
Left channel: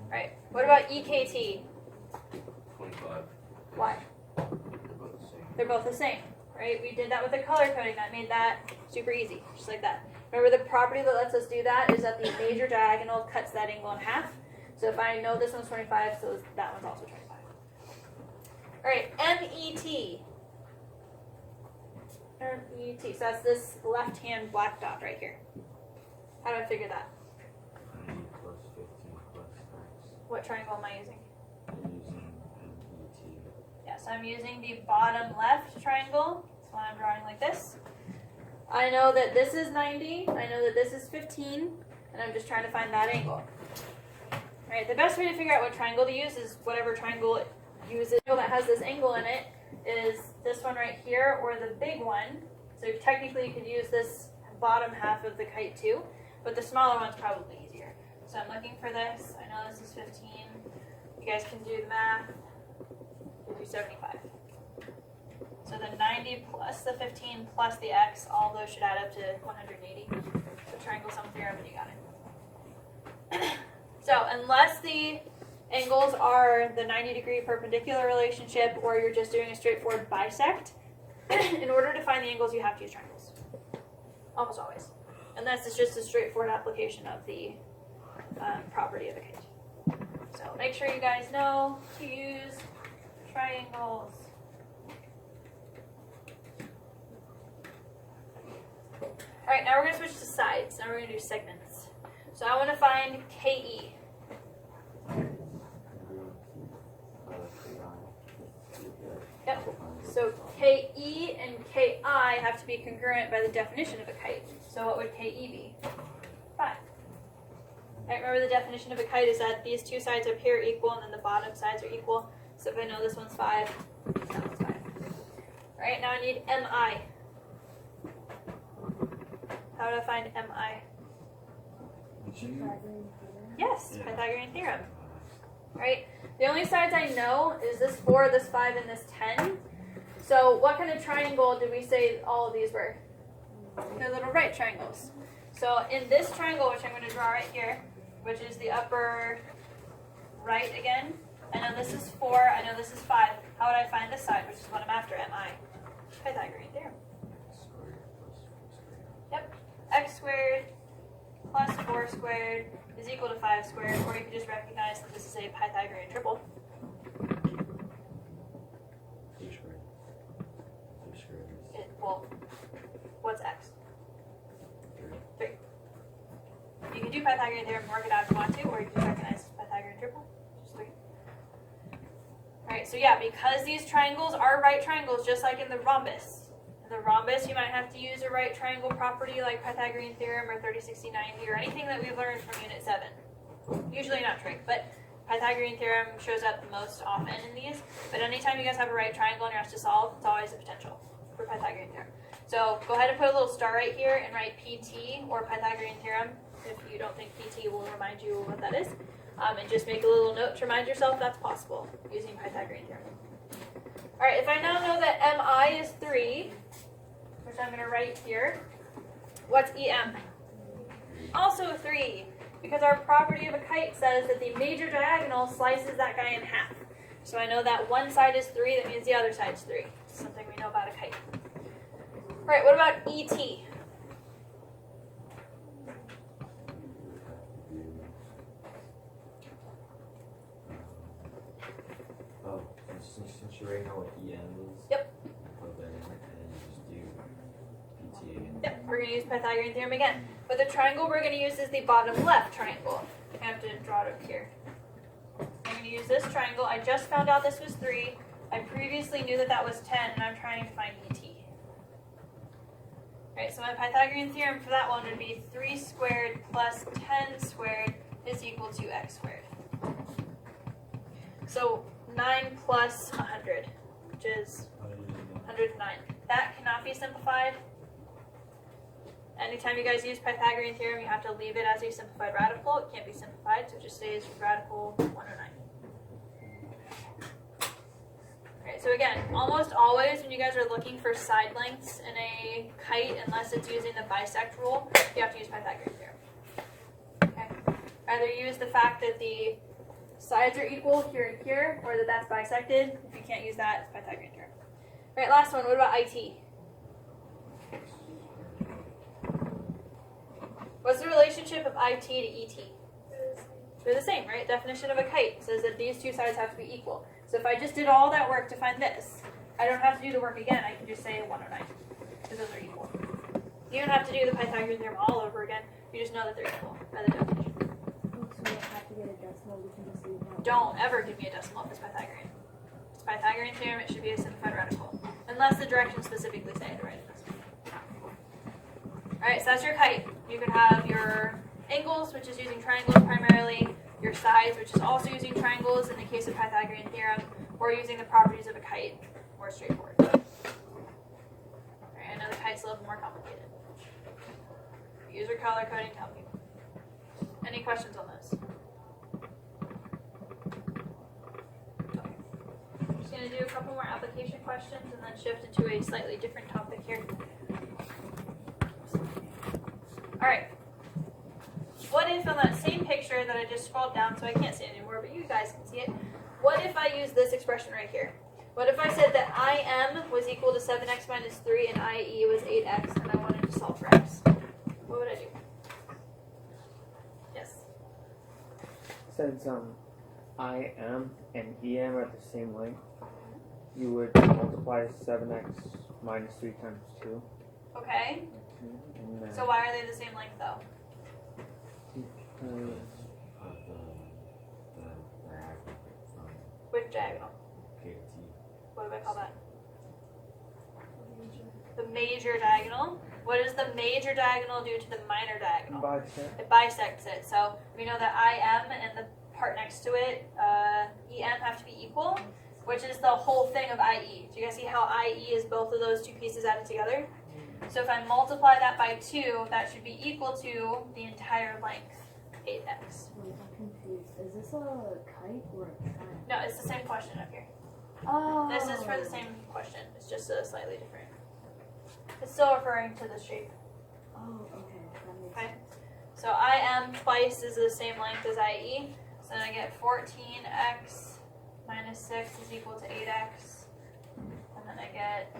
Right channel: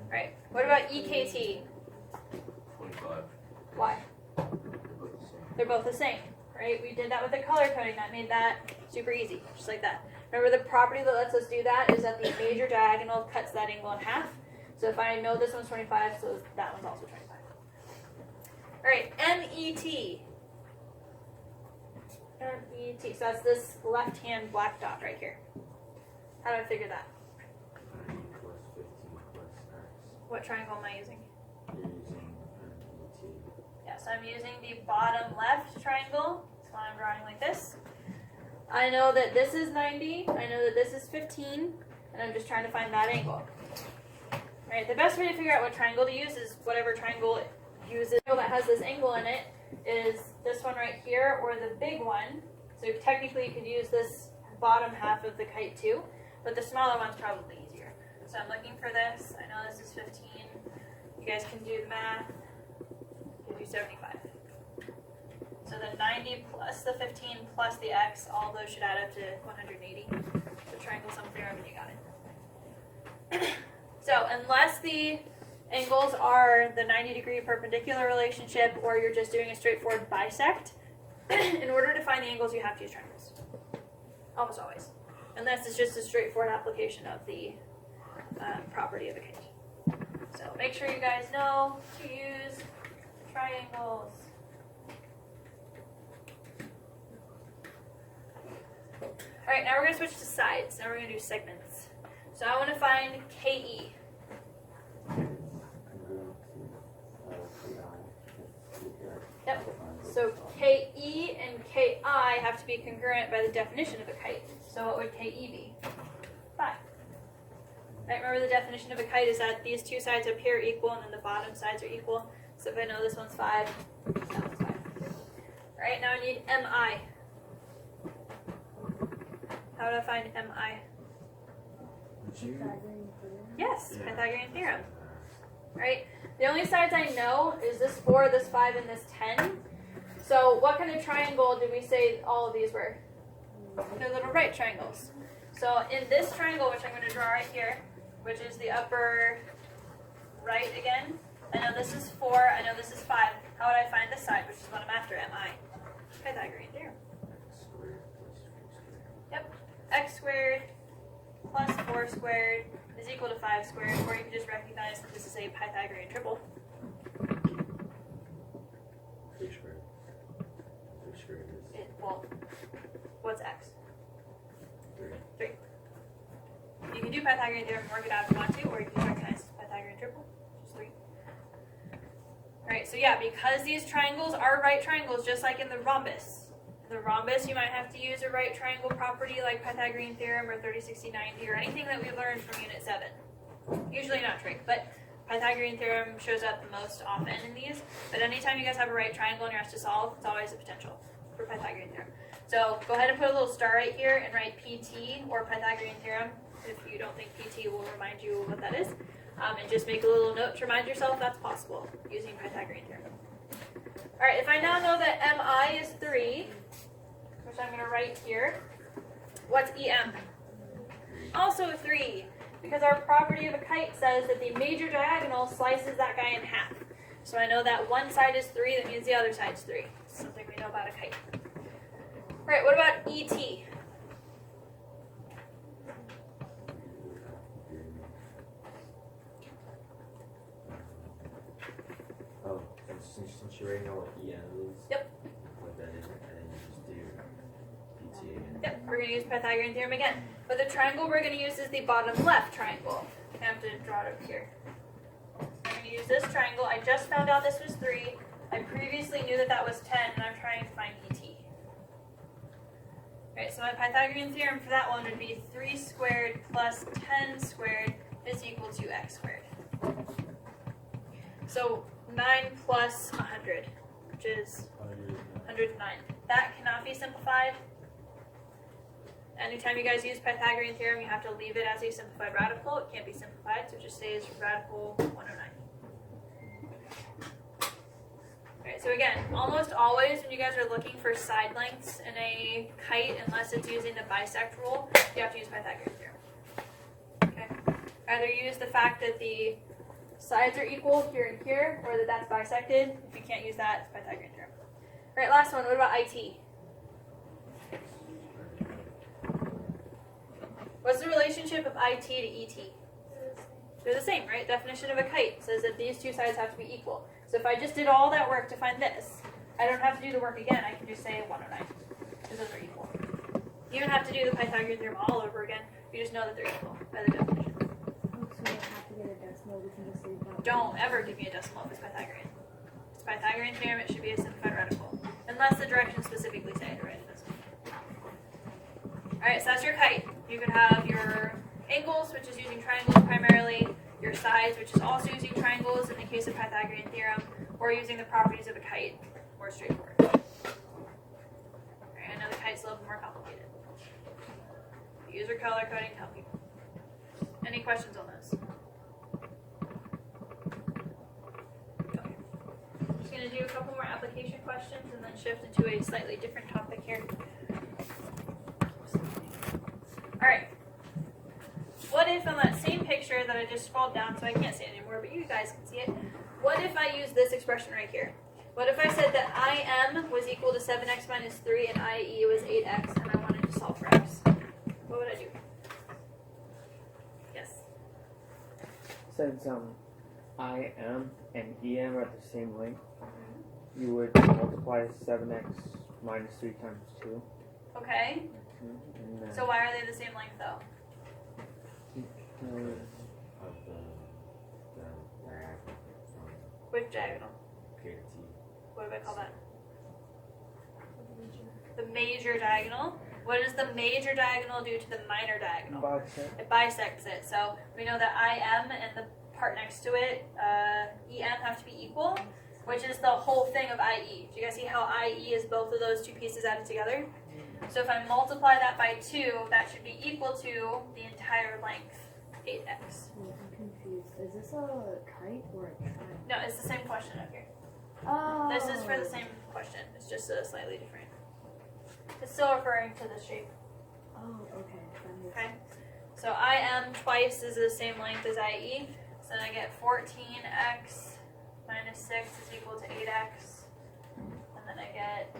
Alright, what about EKT? 25. Why? They're both the same. They're both the same, right? We did that with the color coding. That made that super easy, just like that. Remember, the property that lets us do that is that the major diagonal cuts that angle in half. So if I know this one's 25, so that one's also 25. Alright, MET. MET. So that's this left-hand black dot right here. How do I figure that? 90 plus 15 plus X. What triangle am I using? You're using MET. Yeah, so I'm using the bottom left triangle. That's why I'm drawing like this. I know that this is 90, I know that this is 15, and I'm just trying to find that angle. Right, the best way to figure out what triangle to use is whatever triangle it uses. The that has this angle in it is this one right here, or the big one. So technically you could use this bottom half of the kite too, but the smaller one's probably easier. So I'm looking for this, I know this is 15. You guys can do the math, gives you 75. So the 90 plus the 15 plus the x, all those should add up to 180. So triangle sum theorem, and you got it. So unless the angles are the 90-degree perpendicular relationship, or you're just doing a straightforward bisect, in order to find the angles, you have to use triangles. Almost always. Unless it's just a straightforward application of the property of a kite. So make sure you guys know to use triangles. Alright, now we're going to switch to sides. Now we're going to do segments. So I want to find KE. Yep. So KE and KI have to be congruent by the definition of a kite. So what would KE be? 5. Right, remember the definition of a kite is that these two sides up here are equal and then the bottom sides are equal. So if I know this one's 5, that one's 5. Alright, now I need MI. How would I find MI? Yes, Pythagorean theorem. Right? The only sides I know is this 4, this 5, and this 10. So what kind of triangle did we say all of these were? They're little right triangles. So in this triangle, which I'm going to draw right here, which is the upper right again, I know this is 4, I know this is 5. How would I find this side, which is what I'm after, MI? Pythagorean theorem. Yep. X squared plus 4 squared is equal to 5 squared, or you can just recognize that this is a Pythagorean triple. 3 squared. 3 squared is Well, what's x? 3. You can do Pythagorean theorem and work it out if you want to, or you can just recognize Pythagorean triple. Just wait. Alright, so yeah, because these triangles are right triangles, just like in the rhombus. In the rhombus, you might have to use a right triangle property like Pythagorean theorem or 30/60/90 or anything that we learned from Unit 7. Usually not trig, but Pythagorean theorem shows up the most often in these. But anytime you guys have a right triangle and you're asked to solve, it's always a potential for Pythagorean theorem. So go ahead and put a little star right here and write PT or Pythagorean theorem. If you don't think PT will remind you what that is. And just make a little note to remind yourself that's possible using Pythagorean theorem. Alright, if I now know that MI is 3, which I'm going to write here, what's EM? Also 3, because our property of a kite says that the major diagonal slices that guy in half. So I know that one side is 3, that means the other side's 3. It's something we know about a kite. Alright, what about ET? Oh, since you already know what EM is, Yep. put that in and then you just do PT again. Yep, we're going to use Pythagorean theorem again. But the triangle we're going to use is the bottom left triangle. I have to draw it up here. I'm going to use this triangle. I just found out this was 3. I previously knew that that was 10, and I'm trying to find ET. Alright, so my Pythagorean theorem for that one would be 3 squared plus 10 squared is equal to x squared. So 9 plus 100, which is 109. That cannot be simplified. Anytime you guys use Pythagorean theorem, you have to leave it as a simplified radical. It can't be simplified, so it just stays radical 109. Alright, so again, almost always when you guys are looking for side lengths in a kite, unless it's using the bisect rule, you have to use Pythagorean theorem. Okay? Either use the fact that the sides are equal here and here, or that that's bisected. If you can't use that, it's Pythagorean theorem. Alright, last one. What about IT? What's the relationship of IT to ET? They're the same, right? Definition of a kite says that these two sides have to be equal. So if I just did all that work to find this, I don't have to do the work again. I can just say 109, because those are equal. You don't have to do the Pythagorean theorem all over again. You just know that they're equal by the definition. So we have to get a decimal, we can just leave that. Don't ever give me a decimal if it's Pythagorean. If it's Pythagorean theorem, it should be a simplified radical. Unless the directions specifically say to write a decimal. Alright, so that's your kite. You can have your angles, which is using triangles primarily, your sides, which is also using triangles in the case of Pythagorean theorem, or using the properties of a kite, more straightforward. Alright, I know the kite's a little more complicated. Use your color coding to help you. Any questions on those? Okay. I'm just going to do a couple more application questions and then shift into a slightly different topic here. Alright. What if on that same picture that I just scrolled down, so I can't see it anymore, but you guys can see it. What if I use this expression right here? What if I said that IM was equal to 7x minus 3 and IE was 8x and I wanted to solve for x? What would I do? Yes. Since IM and EM are at the same length, you would multiply 7x minus 3 times 2. Okay. And then So why are they the same length though? because Of the diagonal from Which diagonal? K to T. What do I call that? The major diagonal. What does the major diagonal do to the minor diagonal? bisect. It bisects it. So we know that IM and the part next to it, EM, have to be equal, which is the whole thing of IE. Do you guys see how IE is both of those two pieces added together? So if I multiply that by 2, that should be equal to the entire length, 8x. Wait, I'm confused. Is this a kite or a triangle? No, it's the same question up here. Oh. This is for the same question. It's just slightly different. It's still referring to the shape. Oh, okay. That makes Okay. sense. So IM twice is the same length as IE. So then I get 14x minus 6 is equal to 8x. And then I get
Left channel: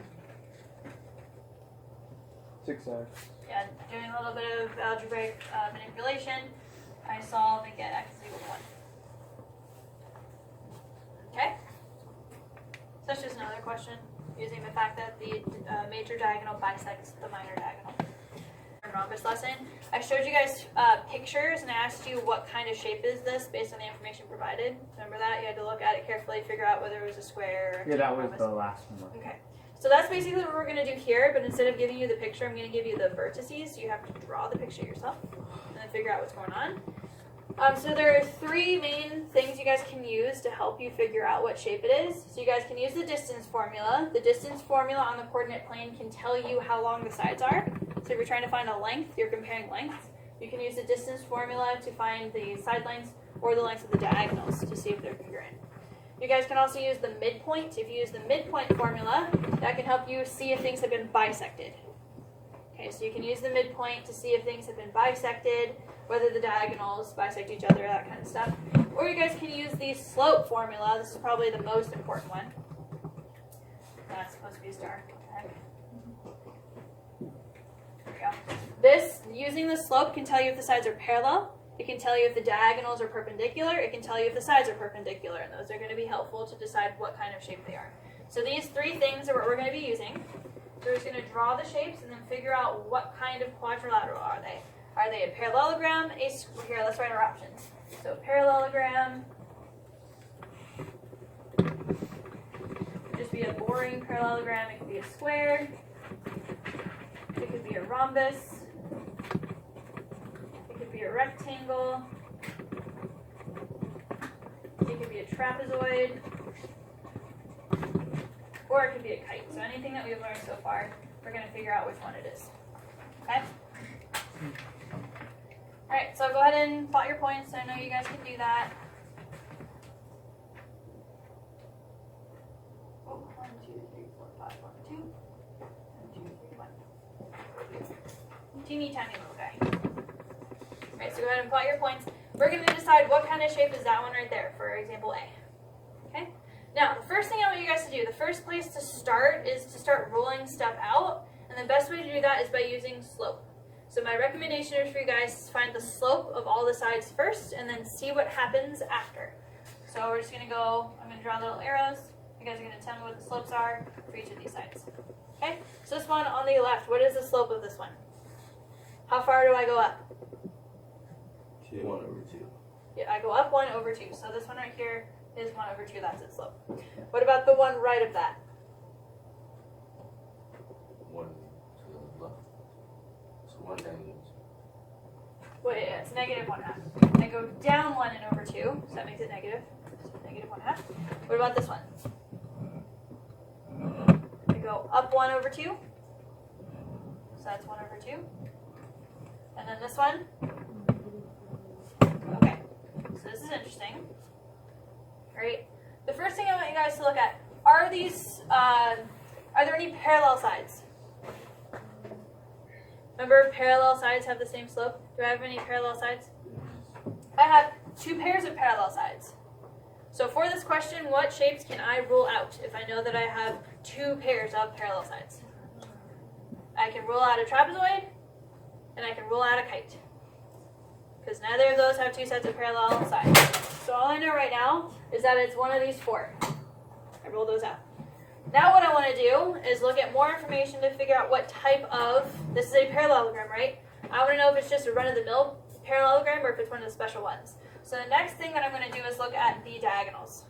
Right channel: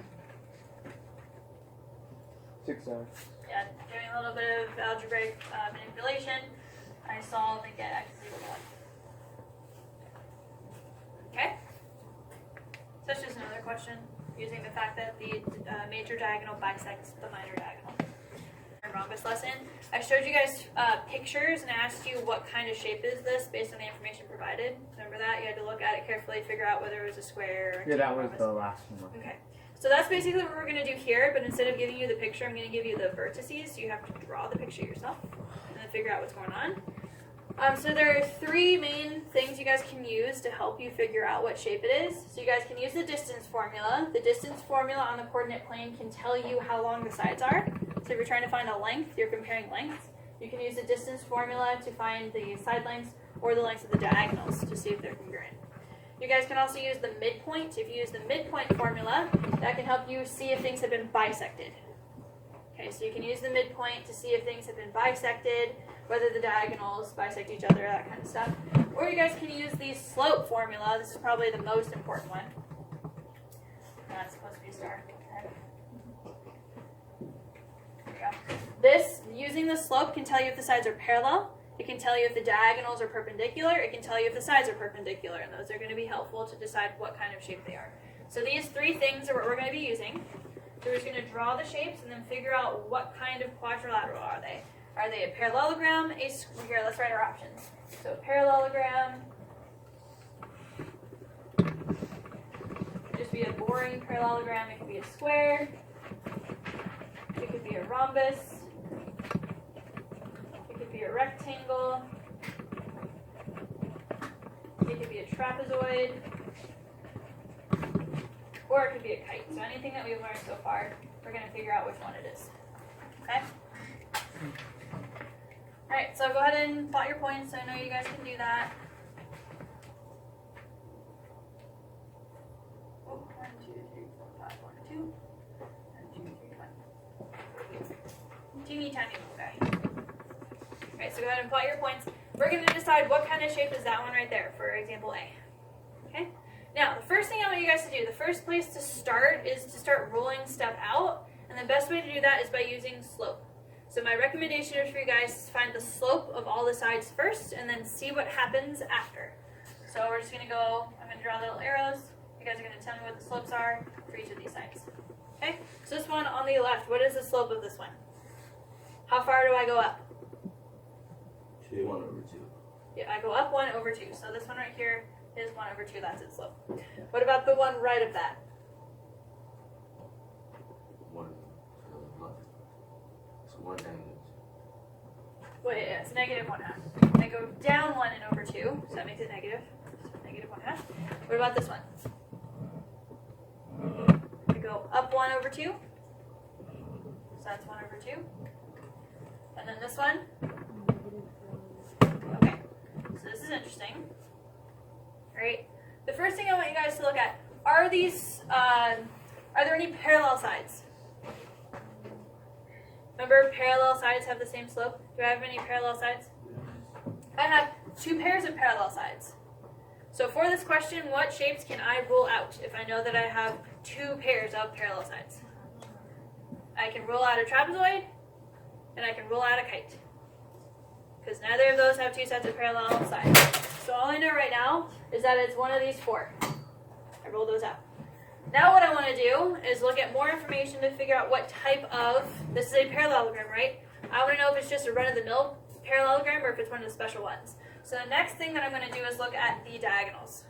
6x. Yeah, doing a little bit of algebraic manipulation, I solve and get x is equal to 1. Okay? So that's just another question using the fact that the major diagonal bisects the minor diagonal. Rhombus lesson. I showed you guys pictures and I asked you what kind of shape is this based on the information provided. Remember that? You had to look at it carefully, figure out whether it was a square or Yeah, that was rhombus. the last one. Okay. So that's basically what we're going to do here, but instead of giving you the picture, I'm going to give you the vertices. You have to draw the picture yourself and then figure out what's going on. So there are 3 main things you guys can use to help you figure out what shape it is. So you guys can use the distance formula. The distance formula on the coordinate plane can tell you how long the sides are. So if you're trying to find a length, you're comparing lengths. You can use the distance formula to find the side lengths or the lengths of the diagonals to see if they're congruent. You guys can also use the midpoint. If you use the midpoint formula, that can help you see if things have been bisected. Okay, so you can use the midpoint to see if things have been bisected, whether the diagonals bisect each other, that kind of stuff. Or you guys can use the slope formula. This is probably the most important one. That's supposed to be a star. Okay. There we go. This, using the slope, can tell you if the sides are parallel. It can tell you if the diagonals are perpendicular. It can tell you if the sides are perpendicular. And those are going to be helpful to decide what kind of shape they are. So these 3 things are what we're going to be using. So we're just going to draw the shapes and then figure out what kind of quadrilateral are they. Are they a parallelogram? Here, let's write our options. So parallelogram. Just be a boring parallelogram. It could be a square. It could be a rhombus. It could be a rectangle. It could be a trapezoid. Or it could be a kite. So anything that we've learned so far, we're going to figure out which one it is. Okay? Alright, so go ahead and plot your points. I know you guys can do that. Oh, 1, 2, 3, 4, 5, 1, 2. 1, 2, 3, 1. Teeny tiny little guy. Okay, so go ahead and plot your points. We're going to decide what kind of shape is that one right there, for example A. Okay? Now, the first thing I want you guys to do, the first place to start is to start ruling stuff out. And the best way to do that is by using slope. So my recommendation is for you guys to find the slope of all the sides first and then see what happens after. So we're just going to go, I'm going to draw little arrows. You guys are going to tell me what the slopes are for each of these sides. Okay? So this one on the left, what is the slope of this one? How far do I go up? 2. 1 over 2. Yeah, I go up 1 over 2. So this one right here is 1 over 2. That's its slope. What about the one right of that? 1 to the left. So 1 negative. Well, yeah, it's negative 1/2. I go down 1 and over 2, so that makes it negative. So negative 1/2. What about this one? I go up 1 over 2. So that's 1 over 2. And then this one? Okay. So this is interesting. Right? The first thing I want you guys to look at, are there any parallel sides? Remember, parallel sides have the same slope? Do I have any parallel sides? I have 2 pairs of parallel sides. So for this question, what shapes can I rule out if I know that I have 2 pairs of parallel sides? I can rule out a trapezoid, and I can rule out a kite. Because neither of those have 2 sets of parallel sides. So all I know right now is that it's one of these 4. I ruled those out. Now what I want to do is look at more information to figure out what type of, this is a parallelogram, right? I want to know if it's just a run-of-the-mill parallelogram or if it's one of the special ones. So the next thing that I'm going to do is look at the diagonals.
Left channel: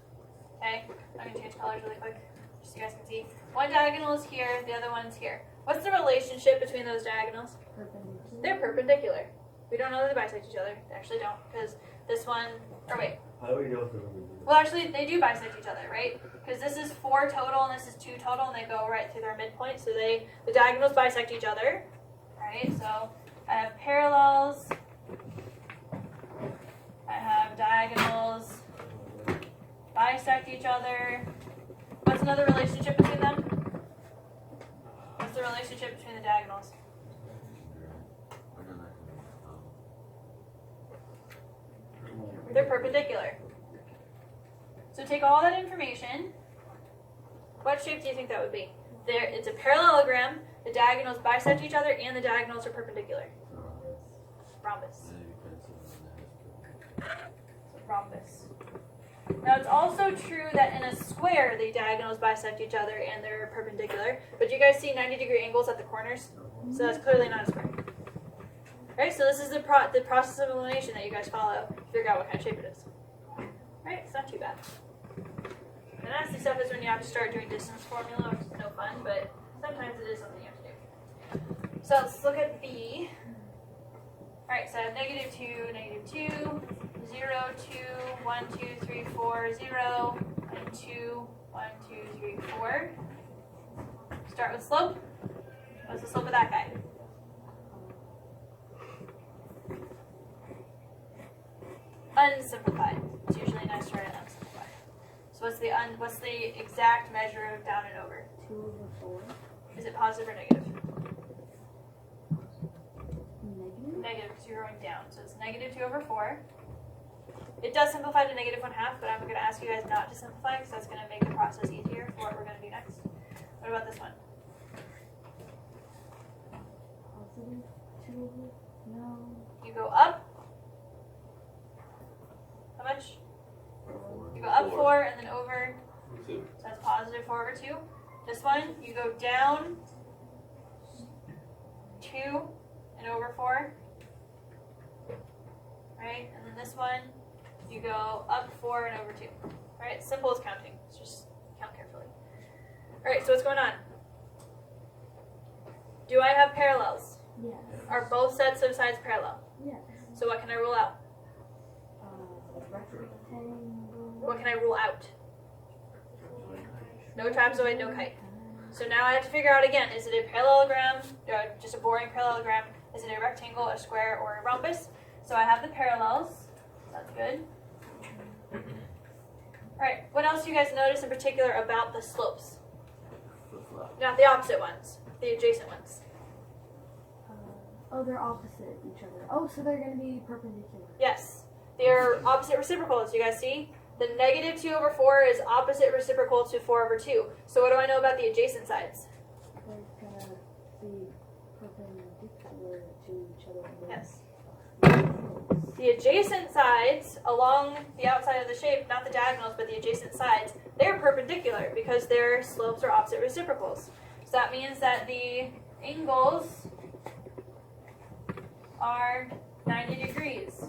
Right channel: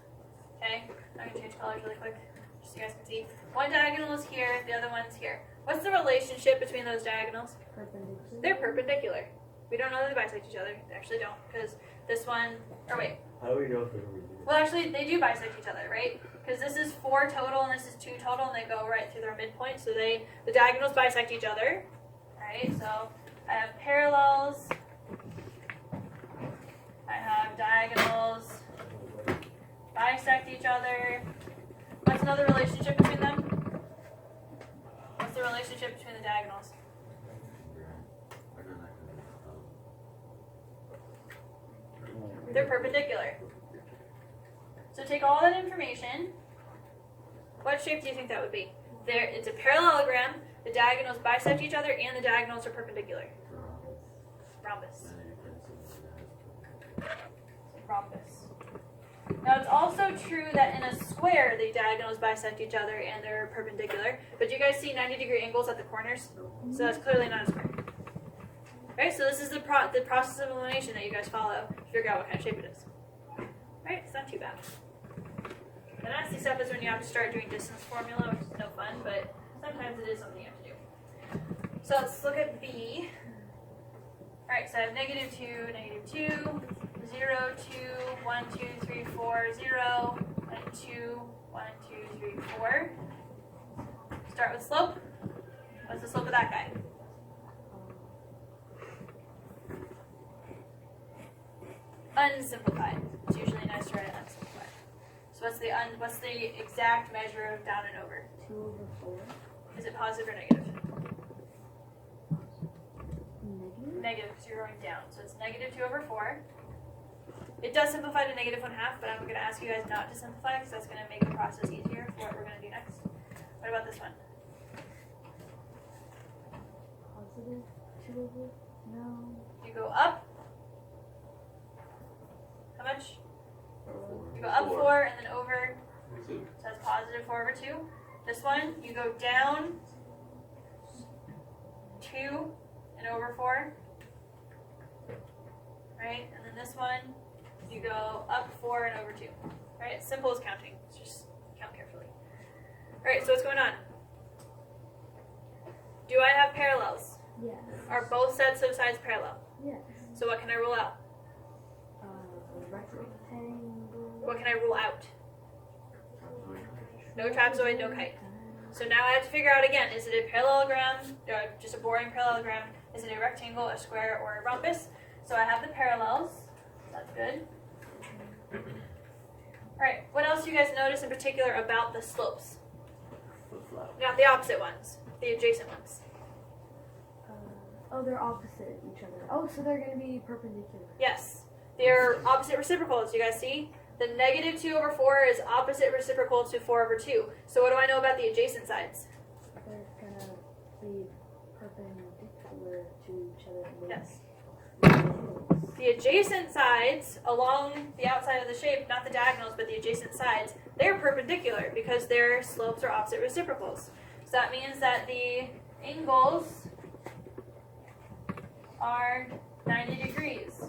Okay? I'm going to change colors really quick just so you guys can see. One diagonal is here, the other one's here. What's the relationship between those diagonals? Perpendicular. They're perpendicular. We don't know that they bisect each other. They actually don't, because this one, or wait. How do we know if they're perpendicular? Well, actually, they do bisect each other, right? Because this is 4 total and this is 2 total, and they go right through their midpoint, so the diagonals bisect each other. Alright, so I have parallels. I have diagonals bisect each other. What's another relationship between them? What's the relationship between the diagonals? They're perpendicular. So take all that information. What shape do you think that would be? It's a parallelogram. The diagonals bisect each other and the diagonals are perpendicular. Rhombus. Rhombus. Now it's also true that in a square the diagonals bisect each other and they're perpendicular. But do you guys see 90-degree angles at the corners? So that's clearly not a square. Right, so this is the process of elimination that you guys follow to figure out what kind of shape it is. Right, it's not too bad. The nasty stuff is when you have to start doing distance formula, which is no fun, but sometimes it is something you have to do. So let's look at B. Alright, so I have -2, -2, 0, 2, 1, 2, 3, 4, 0, 1, 2, 1, 2, 3, 4. Start with slope. What's the slope of that guy? Unsimplified. It's usually nice to write it unsimplified. So what's the exact measure of down and over? 2/4. Is it positive or negative? Negative. Negative, zeroing down. So it's -2/4. It does simplify to -1/2, but I'm going to ask you guys not to simplify because that's going to make the process easier for what we're going to do next. What about this one? Positive 2/4. No. You go up. How much? You go up 4 and then over. So that's positive 4/2. This one, you go down 2 and over 4. Right? And then this one, you go up 4 and over 2. Right? Simple as counting. It's just count carefully. Alright, so what's going on? Do I have parallels? Yes. Are both sets of sides parallel? Yes. So what can I rule out? Rectangle. What can I rule out? No trapezoid, no kite. So now I have to figure out again, is it a parallelogram, just a boring parallelogram? Is it a rectangle, a square, or a rhombus? So I have the parallels. That's good. Alright, what else do you guys notice in particular about the slopes? Not the opposite ones, the adjacent ones. Oh, they're opposite each other. Oh, so they're going to be perpendicular. Yes, they're opposite reciprocals. You guys see? The -2/4 is opposite reciprocal to 4/2. So what do I know about the adjacent sides? They're going to be perpendicular to each other. Yes. The adjacent sides along the outside of the shape, not the diagonals, but the adjacent sides, they're perpendicular because their slopes are opposite reciprocals. So that means that the angles are 90 degrees.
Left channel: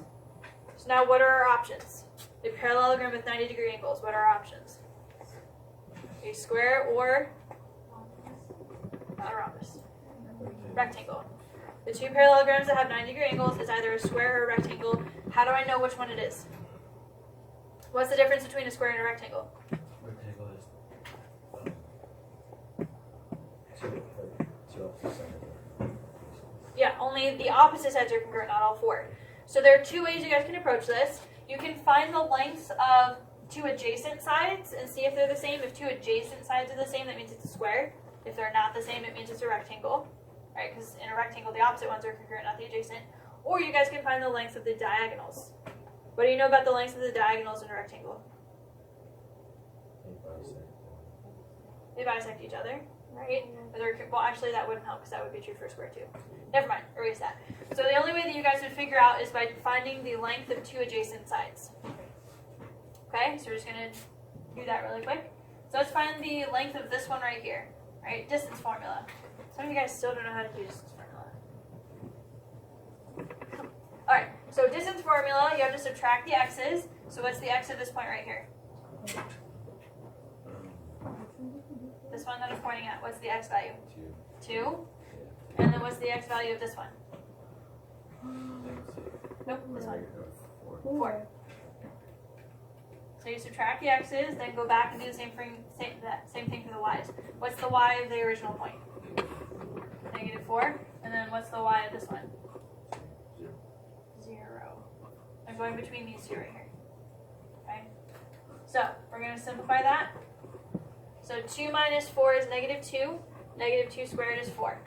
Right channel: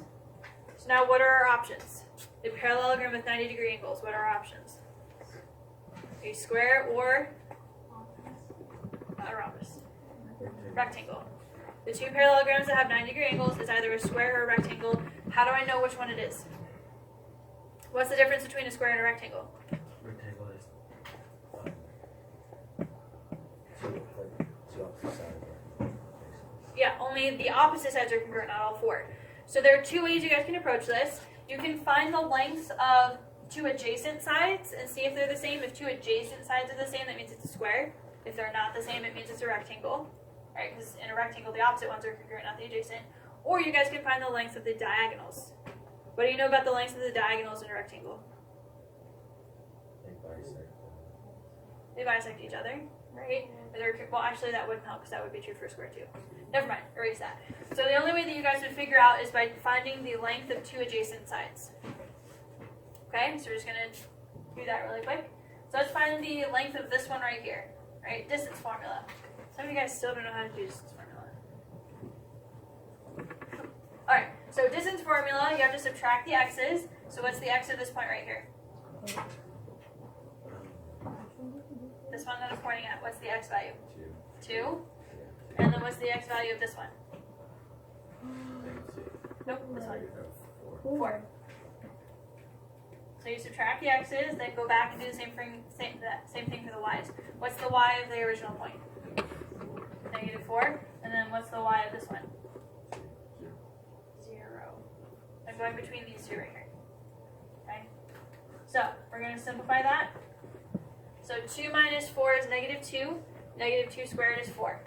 So now what are our options? A parallelogram with 90-degree angles, what are our options? A square or not a rhombus. Rectangle. The two parallelograms that have 90-degree angles is either a square or a rectangle. How do I know which one it is? What's the difference between a square and a rectangle? Rectangle is two opposite sides. Yeah, only the opposite sides are congruent, not all four. So there are two ways you guys can approach this. You can find the lengths of two adjacent sides and see if they're the same. If two adjacent sides are the same, that means it's a square. If they're not the same, it means it's a rectangle. Right? Because in a rectangle, the opposite ones are congruent, not the adjacent. Or you guys can find the lengths of the diagonals. What do you know about the lengths of the diagonals in a rectangle? They bisect each other, right? Well, actually, that wouldn't help because that would be true for a square too. Never mind, erase that. So the only way that you guys would figure out is by finding the length of two adjacent sides. Okay, so we're just gonna do that really quick. So let's find the length of this one right here, right? Distance formula. Some of you guys still don't know how to do distance formula. All right, so distance formula, you have to subtract the x's. So what's the x of this point right here? This one that I'm pointing at, what's the x value? 2. And then what's the x value of this one? Nope, this one. 4. So you subtract the x's, then go back and do the same thing for the y's. What's the y of the original point? -4. And then what's the y of this one? 0. I'm going between these two right here. Okay? So we're going to simplify that. So 2 minus 4 is -2. -2 squared is 4.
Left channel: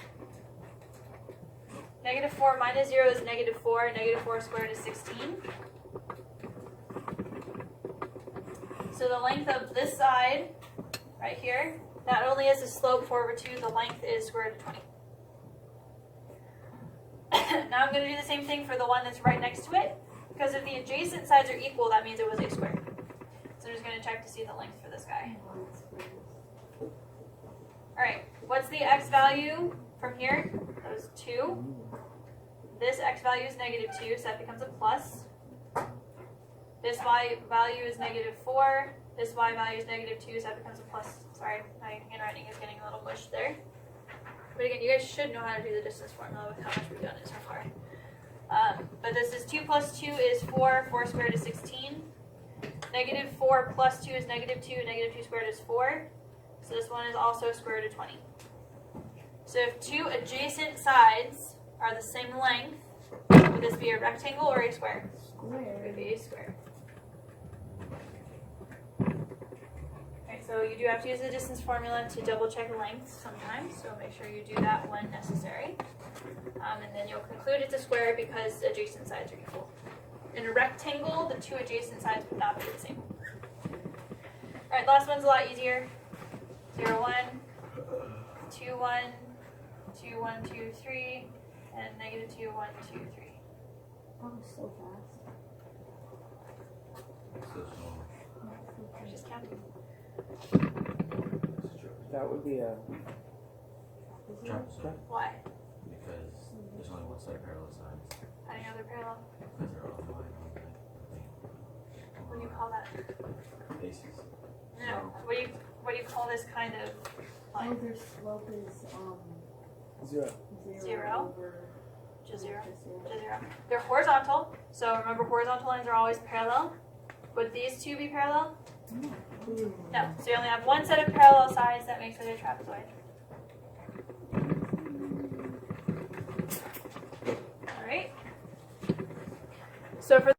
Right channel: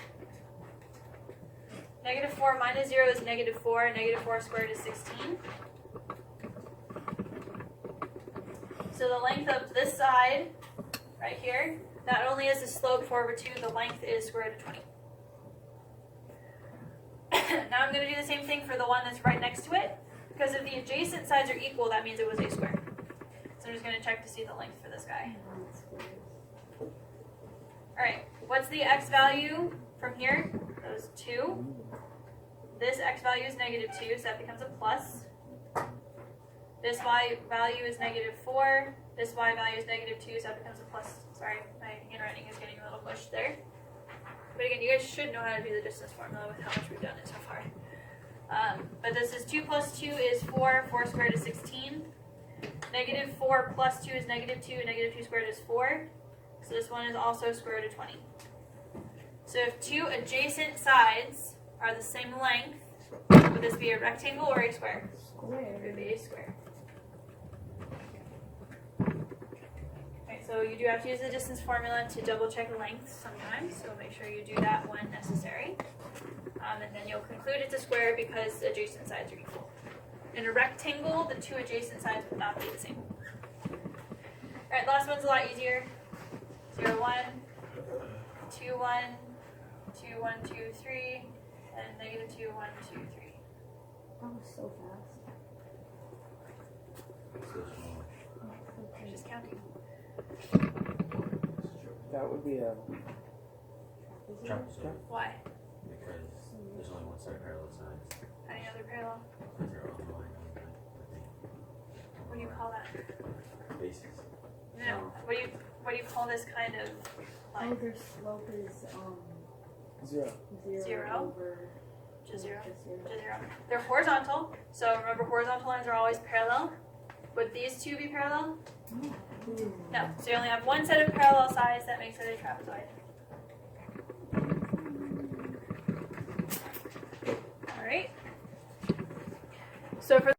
-4 minus 0 is -4. -4 squared is 16. So the length of this side, right here, not only is the slope 4/2, the length is square root of 20. now I'm going to do the same thing for the one that's right next to it. Because if the adjacent sides are equal, that means it was a square. So I'm just going to check to see the length for this guy. Alright, what's the x value from here? That was 2. This x value is negative 2, so that becomes a plus. This y value is negative 4. This y value is negative 2, so that becomes a plus. Sorry, my handwriting is getting a little bushed there. But again, you guys should know how to do the distance formula with how much we've done it so far. But this is 2 plus 2 is 4. 4 squared is 16. Negative 4 plus 2 is negative 2. Negative 2 squared is 4. So this one is also square root of 20. So if two adjacent sides are the same length, would this be a rectangle or a square? It would be a square. Okay, so you do have to use the distance formula to double check length sometimes, so make sure you do that when necessary. And then you'll conclude it's a square because adjacent sides are equal. In a rectangle, the two adjacent sides would not be the same. Alright, the last one's a lot easier. 0, 1, 2, 1, 2, 1, 2, 3, and negative 2, 1, 2, 3. That was so fast. So small. I was just counting. That would be a Trapezite. Why? Because there's only one set of parallel sides. How do you know they're parallel? Because they're on line, I think. What do you call that? Bases. No. What do you call this kind of Oh, line? their slope is 0. Zero. over Just 0. just zero. Just 0. They're horizontal, so remember horizontal lines are always parallel. Would these two be parallel? No. So you only have one set of parallel sides that makes it a trapezoid. Alright. So for